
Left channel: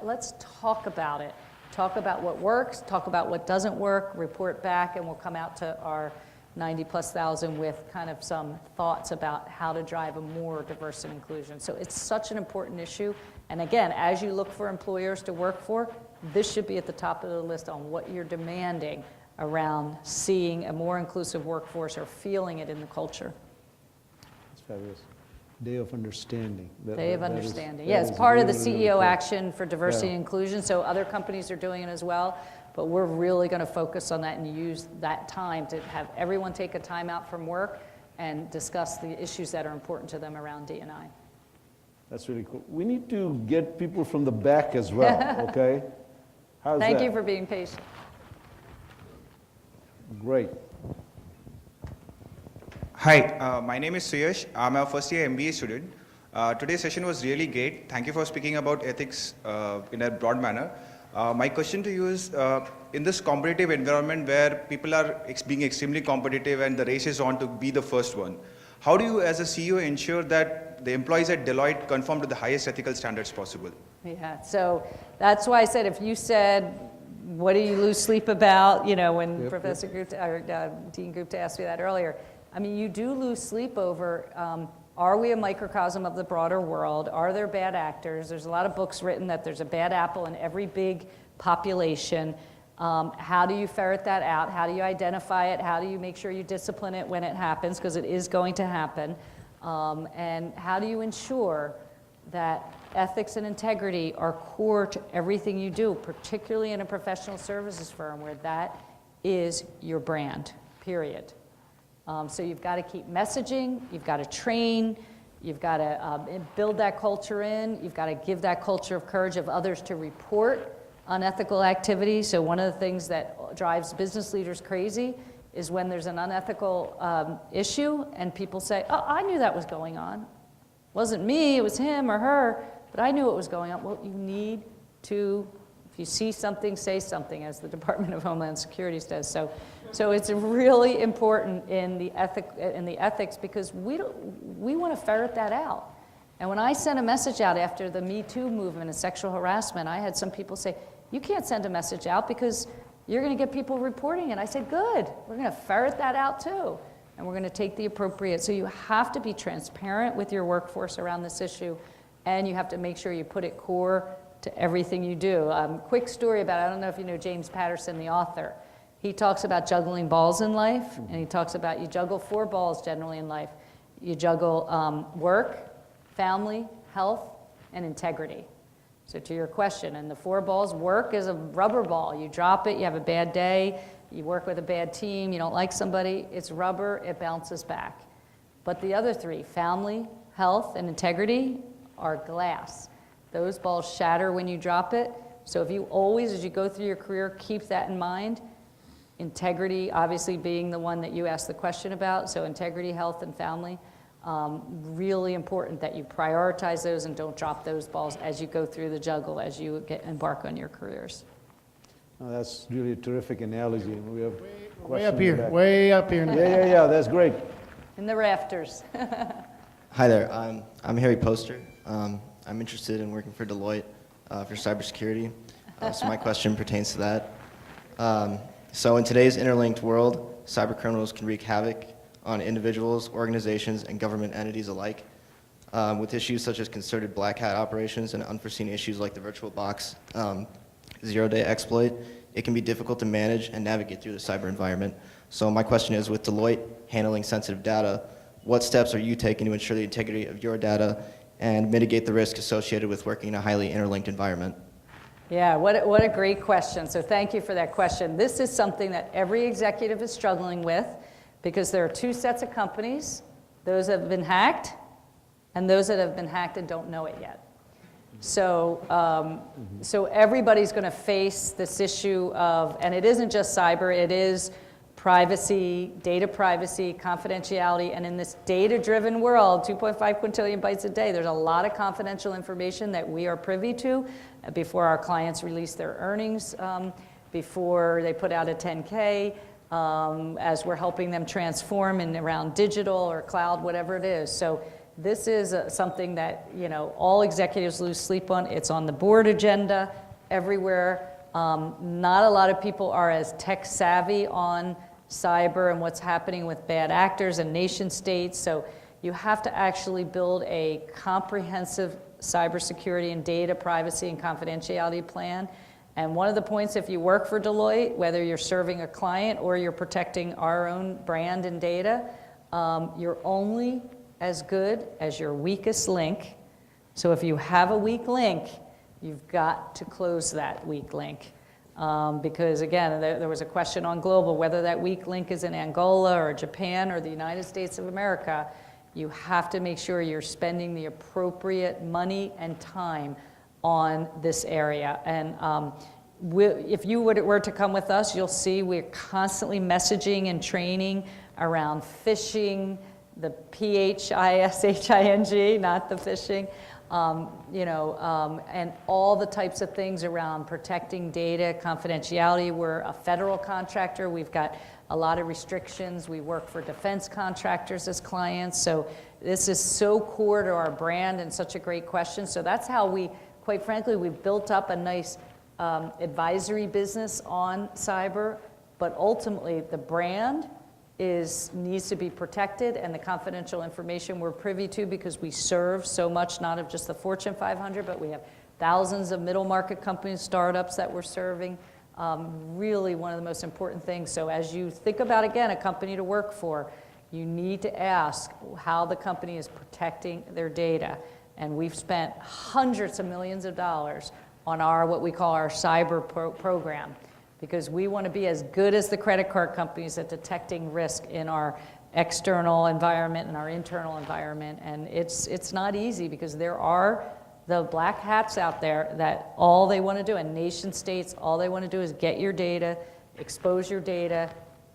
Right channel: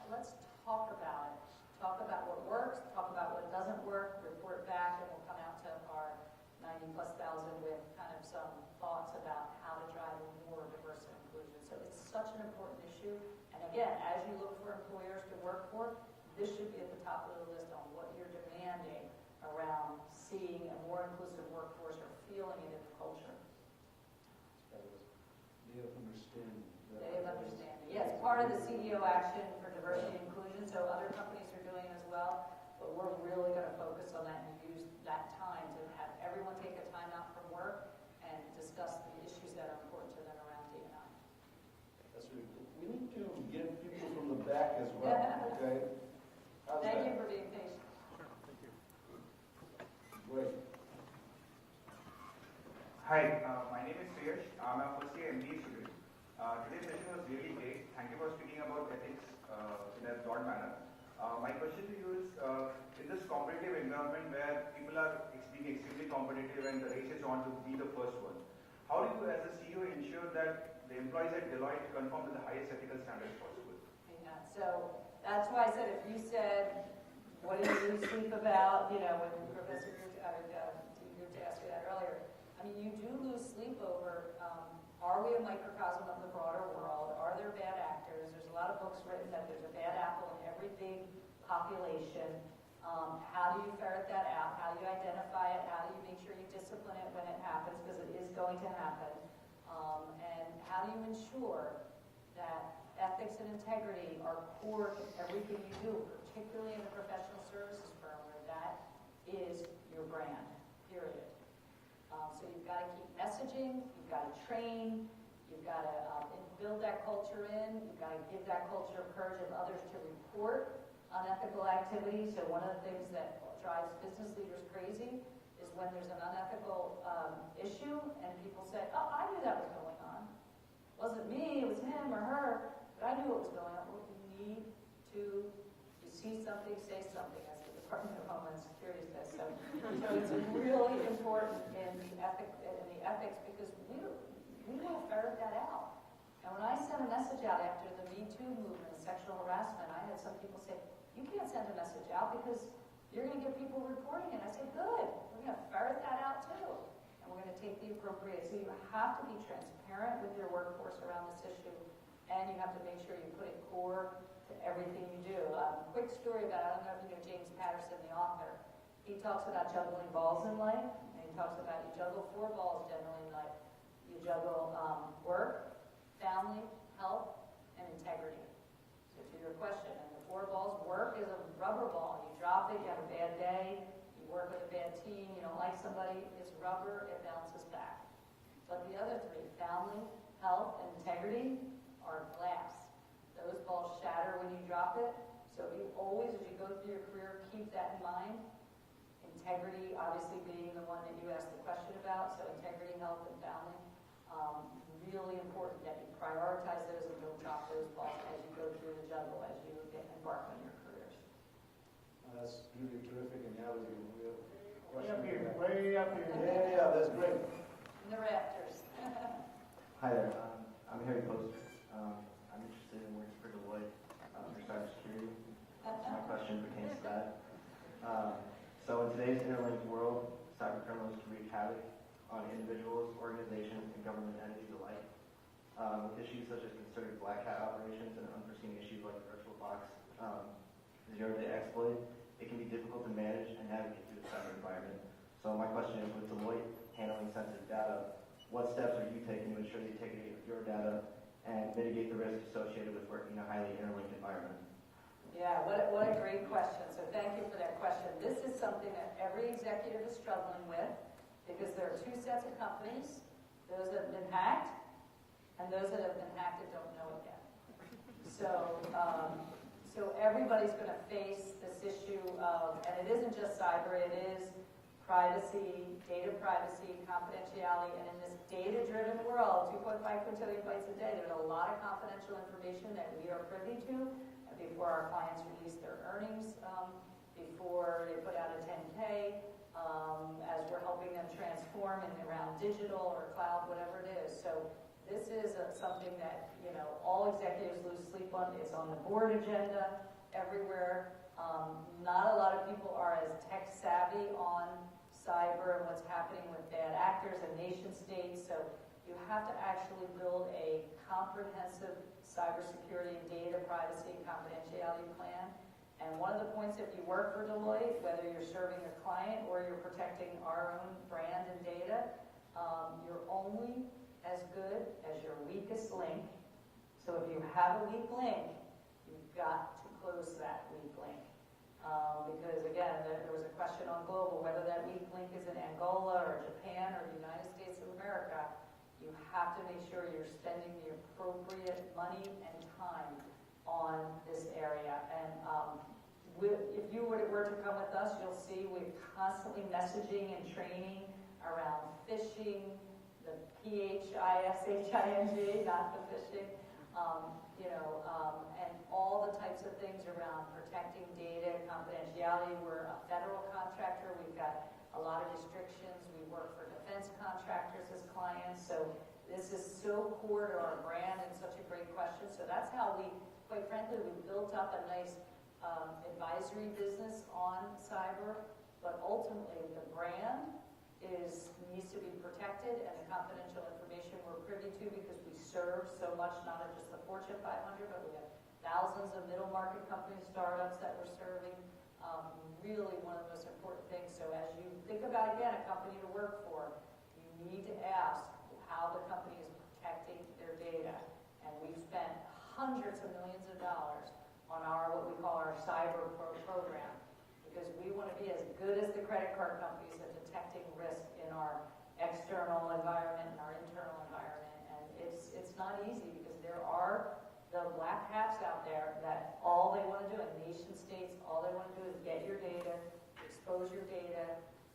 Let's talk about it. Talk about what works, talk about what doesn't work, report back, and we'll come out to our 90,000+ with kind of some thoughts about how to drive a more diverse and inclusion. So it's such an important issue. And again, as you look for employers to work for, this should be at the top of the list on what you're demanding around seeing a more inclusive workforce or feeling it in the culture. That's fabulous. Day of Understanding. Day of Understanding. That Yeah, it's is part of the really, really CEO cool. action for diversity Yeah. and inclusion, so other companies are doing it as well, but we're really going to focus on that and use that time to have everyone take a time out from work and discuss the issues that are important to them around D&I. That's really cool. We need to get people from the back as well, okay? How's Thank that? you for being patient. Great. Hi, my name is Suyash. I'm a first year MBA student. Today's session was really great. Thank you for speaking about ethics in a broad manner. My question to you is, in this competitive environment where people are being extremely competitive and the race is on to be the first one, how do you as a CEO ensure that the employees at Deloitte conform to the highest ethical standards possible? Yeah, so that's why I said if you said, what do you lose sleep about, you know, when Yep, Professor Gupta, or Dean Gupta asked me that earlier, I mean, you do lose sleep over, are we a microcosm of the broader world? Are there bad actors? There's a lot of books written that there's a bad apple in every big population. How do you ferret that out? How do you identify it? How do you make sure you discipline it when it happens? Because it is going to happen. And how do you ensure that ethics and integrity are core to everything you do, particularly in a professional services firm where that is your brand, period. So you've got to keep messaging, you've got to train, you've got to build that culture in, you've got to give that culture of courage of others to report unethical activity. So one of the things that drives business leaders crazy is when there's an unethical issue and people say, oh, I knew that was going on. It wasn't me, it was him or her, but I knew it was going on. Well, you need to, if you see something, say something, as the Department of Homeland Security says. So it's really important in the ethics because we want to ferret that out. And when I sent a message out after the Me Too movement and sexual harassment, I had some people say, you can't send a message out because you're going to get people reporting it. I said, good, we're going to ferret that out too. And we're going to take the appropriate, so you have to be transparent with your workforce around this issue, and you have to make sure you put it core to everything you do. Quick story about, I don't know if you know James Patterson, the author. He talks about juggling balls in life, and he talks about you juggle 4 balls generally in life. You juggle work, family, health, and integrity. So to your question, and the 4 balls, work is a rubber ball. You drop it, you have a bad day, you work with a bad team, you don't like somebody, it's rubber, it bounces back. But the other 3, family, health, and integrity, are glass. Those balls shatter when you drop it. So if you always, as you go through your career, keep that in mind. Integrity, obviously, being the one that you asked the question about, so integrity, health, and family. Really important that you prioritize those and don't drop those balls as you go through the juggle, as you embark on your careers. Oh, that's really a terrific analogy. We have Way up questions here, back. way up here. Yeah, that's great. In the rafters. Hi there, I'm Harry Poster. I'm interested in working for Deloitte for cybersecurity. So my question pertains to that. So in today's interlinked world, cybercriminals can wreak havoc on individuals, organizations, and government entities alike. With issues such as concerted black hat operations and unforeseen issues like the VirtualBox zero-day exploit, it can be difficult to manage and navigate through the cyber environment. So my question is, with Deloitte handling sensitive data, what steps are you taking to ensure the integrity of your data and mitigate the risk associated with working in a highly interlinked environment? Yeah, what a great question. So thank you for that question. This is something that every executive is struggling with because there are two sets of companies, those that have been hacked and those that have been hacked and don't know it yet. So, so everybody's going to face this issue of, and it isn't just cyber, it is privacy, data privacy, confidentiality, and in this data-driven world, 2.5 quintillion bytes a day, there's a lot of confidential information that we are privy to before our clients release their earnings, before they put out a 10K, as we're helping them transform in around digital or cloud, whatever it is. So this is something that, you know, all executives lose sleep on. It's on the board agenda everywhere. Not a lot of people are as tech savvy on cyber and what's happening with bad actors and nation states. So you have to actually build a comprehensive cybersecurity and data privacy and confidentiality plan. And one of the points, if you work for Deloitte, whether you're serving a client or you're protecting our own brand and data, you're only as good as your weakest link. So if you have a weak link, you've got to close that weak link. Because again, there was a question on global, whether that weak link is in Angola or Japan or the United States of America, you have to make sure you're spending the appropriate money and time on this area. And if you were to come with us, you'll see we're constantly messaging and training around phishing, the PHISHING, not the phishing, you know, and all the types of things around protecting data, confidentiality. We're a federal contractor. We've got a lot of restrictions. We work for defense contractors as clients. So this is so core to our brand and such a great question. So that's how we, quite frankly, we've built up a nice advisory business on cyber, but ultimately the brand needs to be protected, and the confidential information we're privy to because we serve so much, not of just the Fortune 500, but we have thousands of middle market companies, startups that we're serving. Really one of the most important things. So as you think about, again, a company to work for, you need to ask how the company is protecting their data. And we've spent hundreds of millions of dollars on what we call our cyber program, because we want to be as good as the credit card companies at detecting risk in our external environment and our internal environment. And it's not easy because there are the black hats out there that all they want to do, and nation states, all they want to do is get your data, expose your data,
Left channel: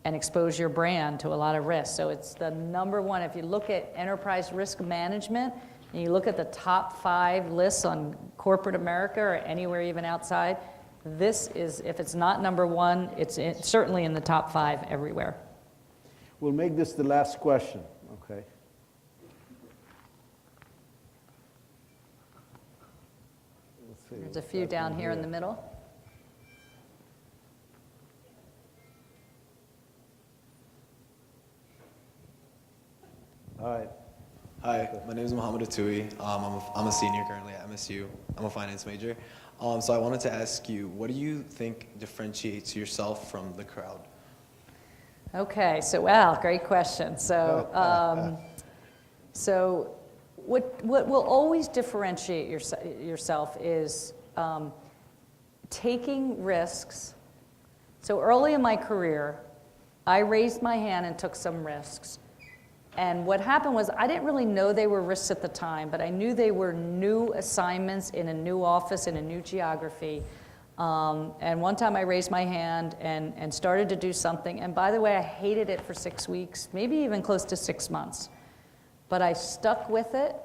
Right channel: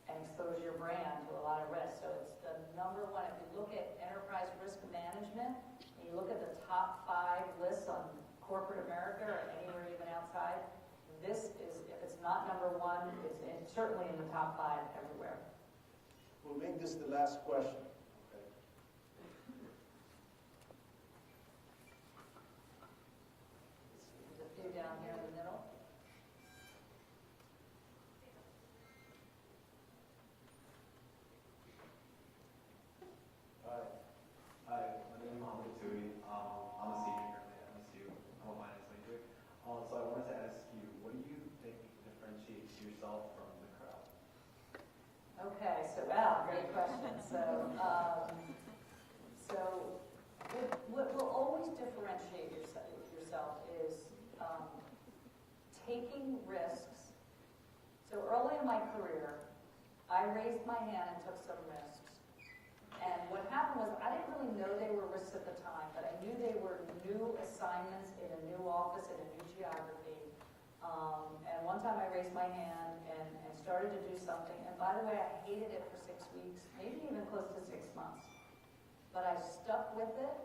and expose your brand to a lot of risk. So it's the number one. If you look at enterprise risk management, and you look at the top 5 lists on corporate America or anywhere even outside, this is, if it's not number 1, it's certainly in the top 5 everywhere. We'll make this the last question, okay? Let's see. There's a few down here in the middle. All right. Hi, my name is Mohammed Atui. I'm a senior currently at MSU. I'm a finance major. So I wanted to ask you, what do you think differentiates yourself from the crowd? Okay, so wow, great question. So, so what will always differentiate yourself is taking risks. So early in my career, I raised my hand and took some risks. And what happened was I didn't really know they were risks at the time, but I knew they were new assignments in a new office, in a new geography. And one time I raised my hand and started to do something. And by the way, I hated it for 6 weeks, maybe even close to 6 months. But I stuck with it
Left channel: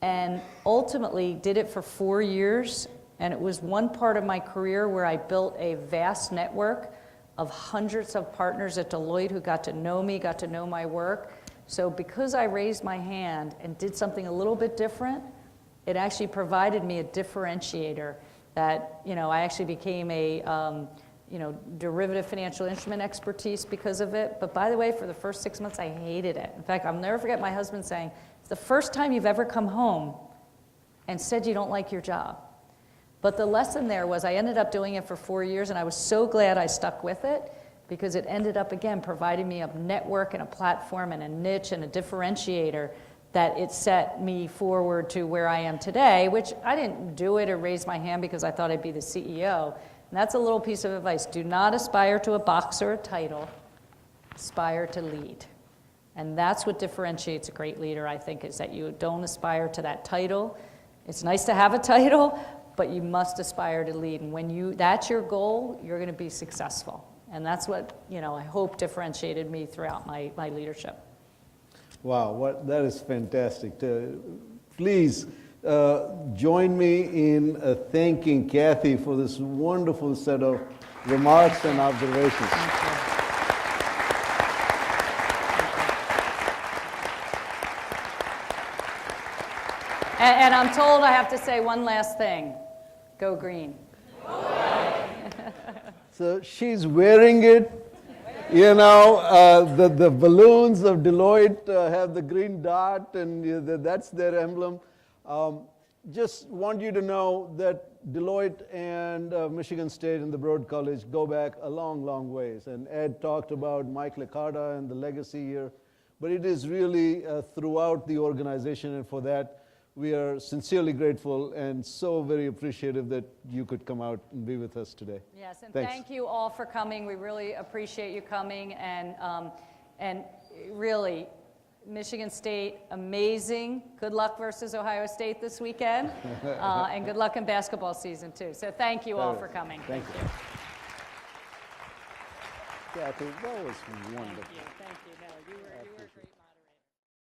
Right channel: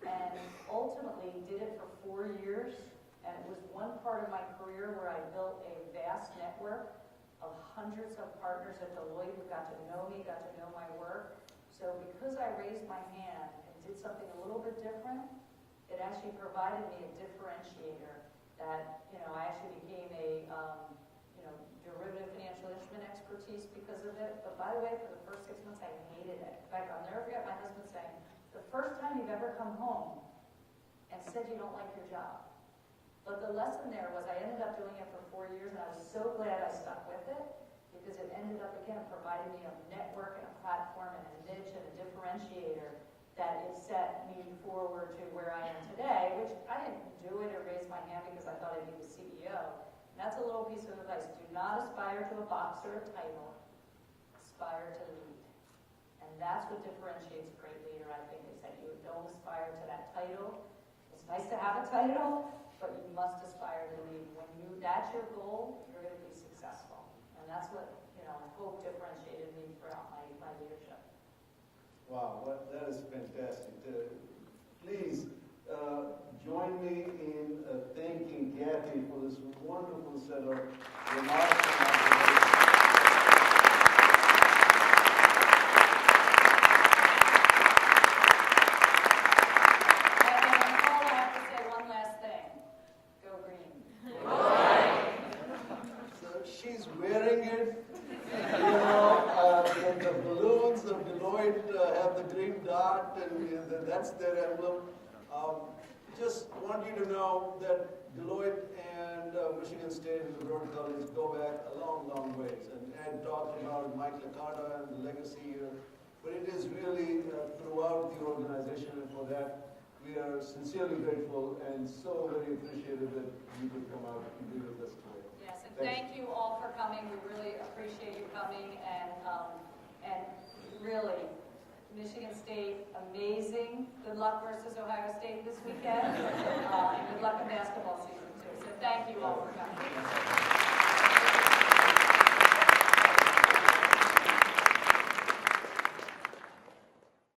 and ultimately did it for 4 years. And it was one part of my career where I built a vast network of hundreds of partners at Deloitte who got to know me, got to know my work. So because I raised my hand and did something a little bit different, it actually provided me a differentiator that, you know, I actually became a, you know, derivative financial instrument expertise because of it. But by the way, for the first 6 months, I hated it. In fact, I'll never forget my husband saying, it's the first time you've ever come home and said you don't like your job. But the lesson there was I ended up doing it for 4 years, and I was so glad I stuck with it, because it ended up, again, providing me a network and a platform and a niche and a differentiator that it set me forward to where I am today, which I didn't do it or raise my hand because I thought I'd be the CEO. And that's a little piece of advice. Do not aspire to a box or a title. Aspire to lead. And that's what differentiates a great leader, I think, is that you don't aspire to that title. It's nice to have a title, but you must aspire to lead. And when that's your goal, you're going to be successful. And that's what, I hope differentiated me throughout my leadership. Wow, that is fantastic. Please join me in thanking Cathy for this wonderful set of remarks and observations. And I'm told I have to say one last thing. Go green. So she's wearing it. The balloons of Deloitte have the green dot, and that's their emblem. Just want you to know that Deloitte and Michigan State and the Broad College go back a long, long ways. And Ed talked about Mike Liccarda and the legacy here, but it is really throughout the organization, and for that, we are sincerely grateful and so very appreciative that you could come out and be with us today. Yes, and Thanks. Thank you all for coming. We really appreciate you coming, and really, Michigan State, amazing. Good luck versus Ohio State this weekend, and good luck in basketball season too. So thank you all for coming. Thank you.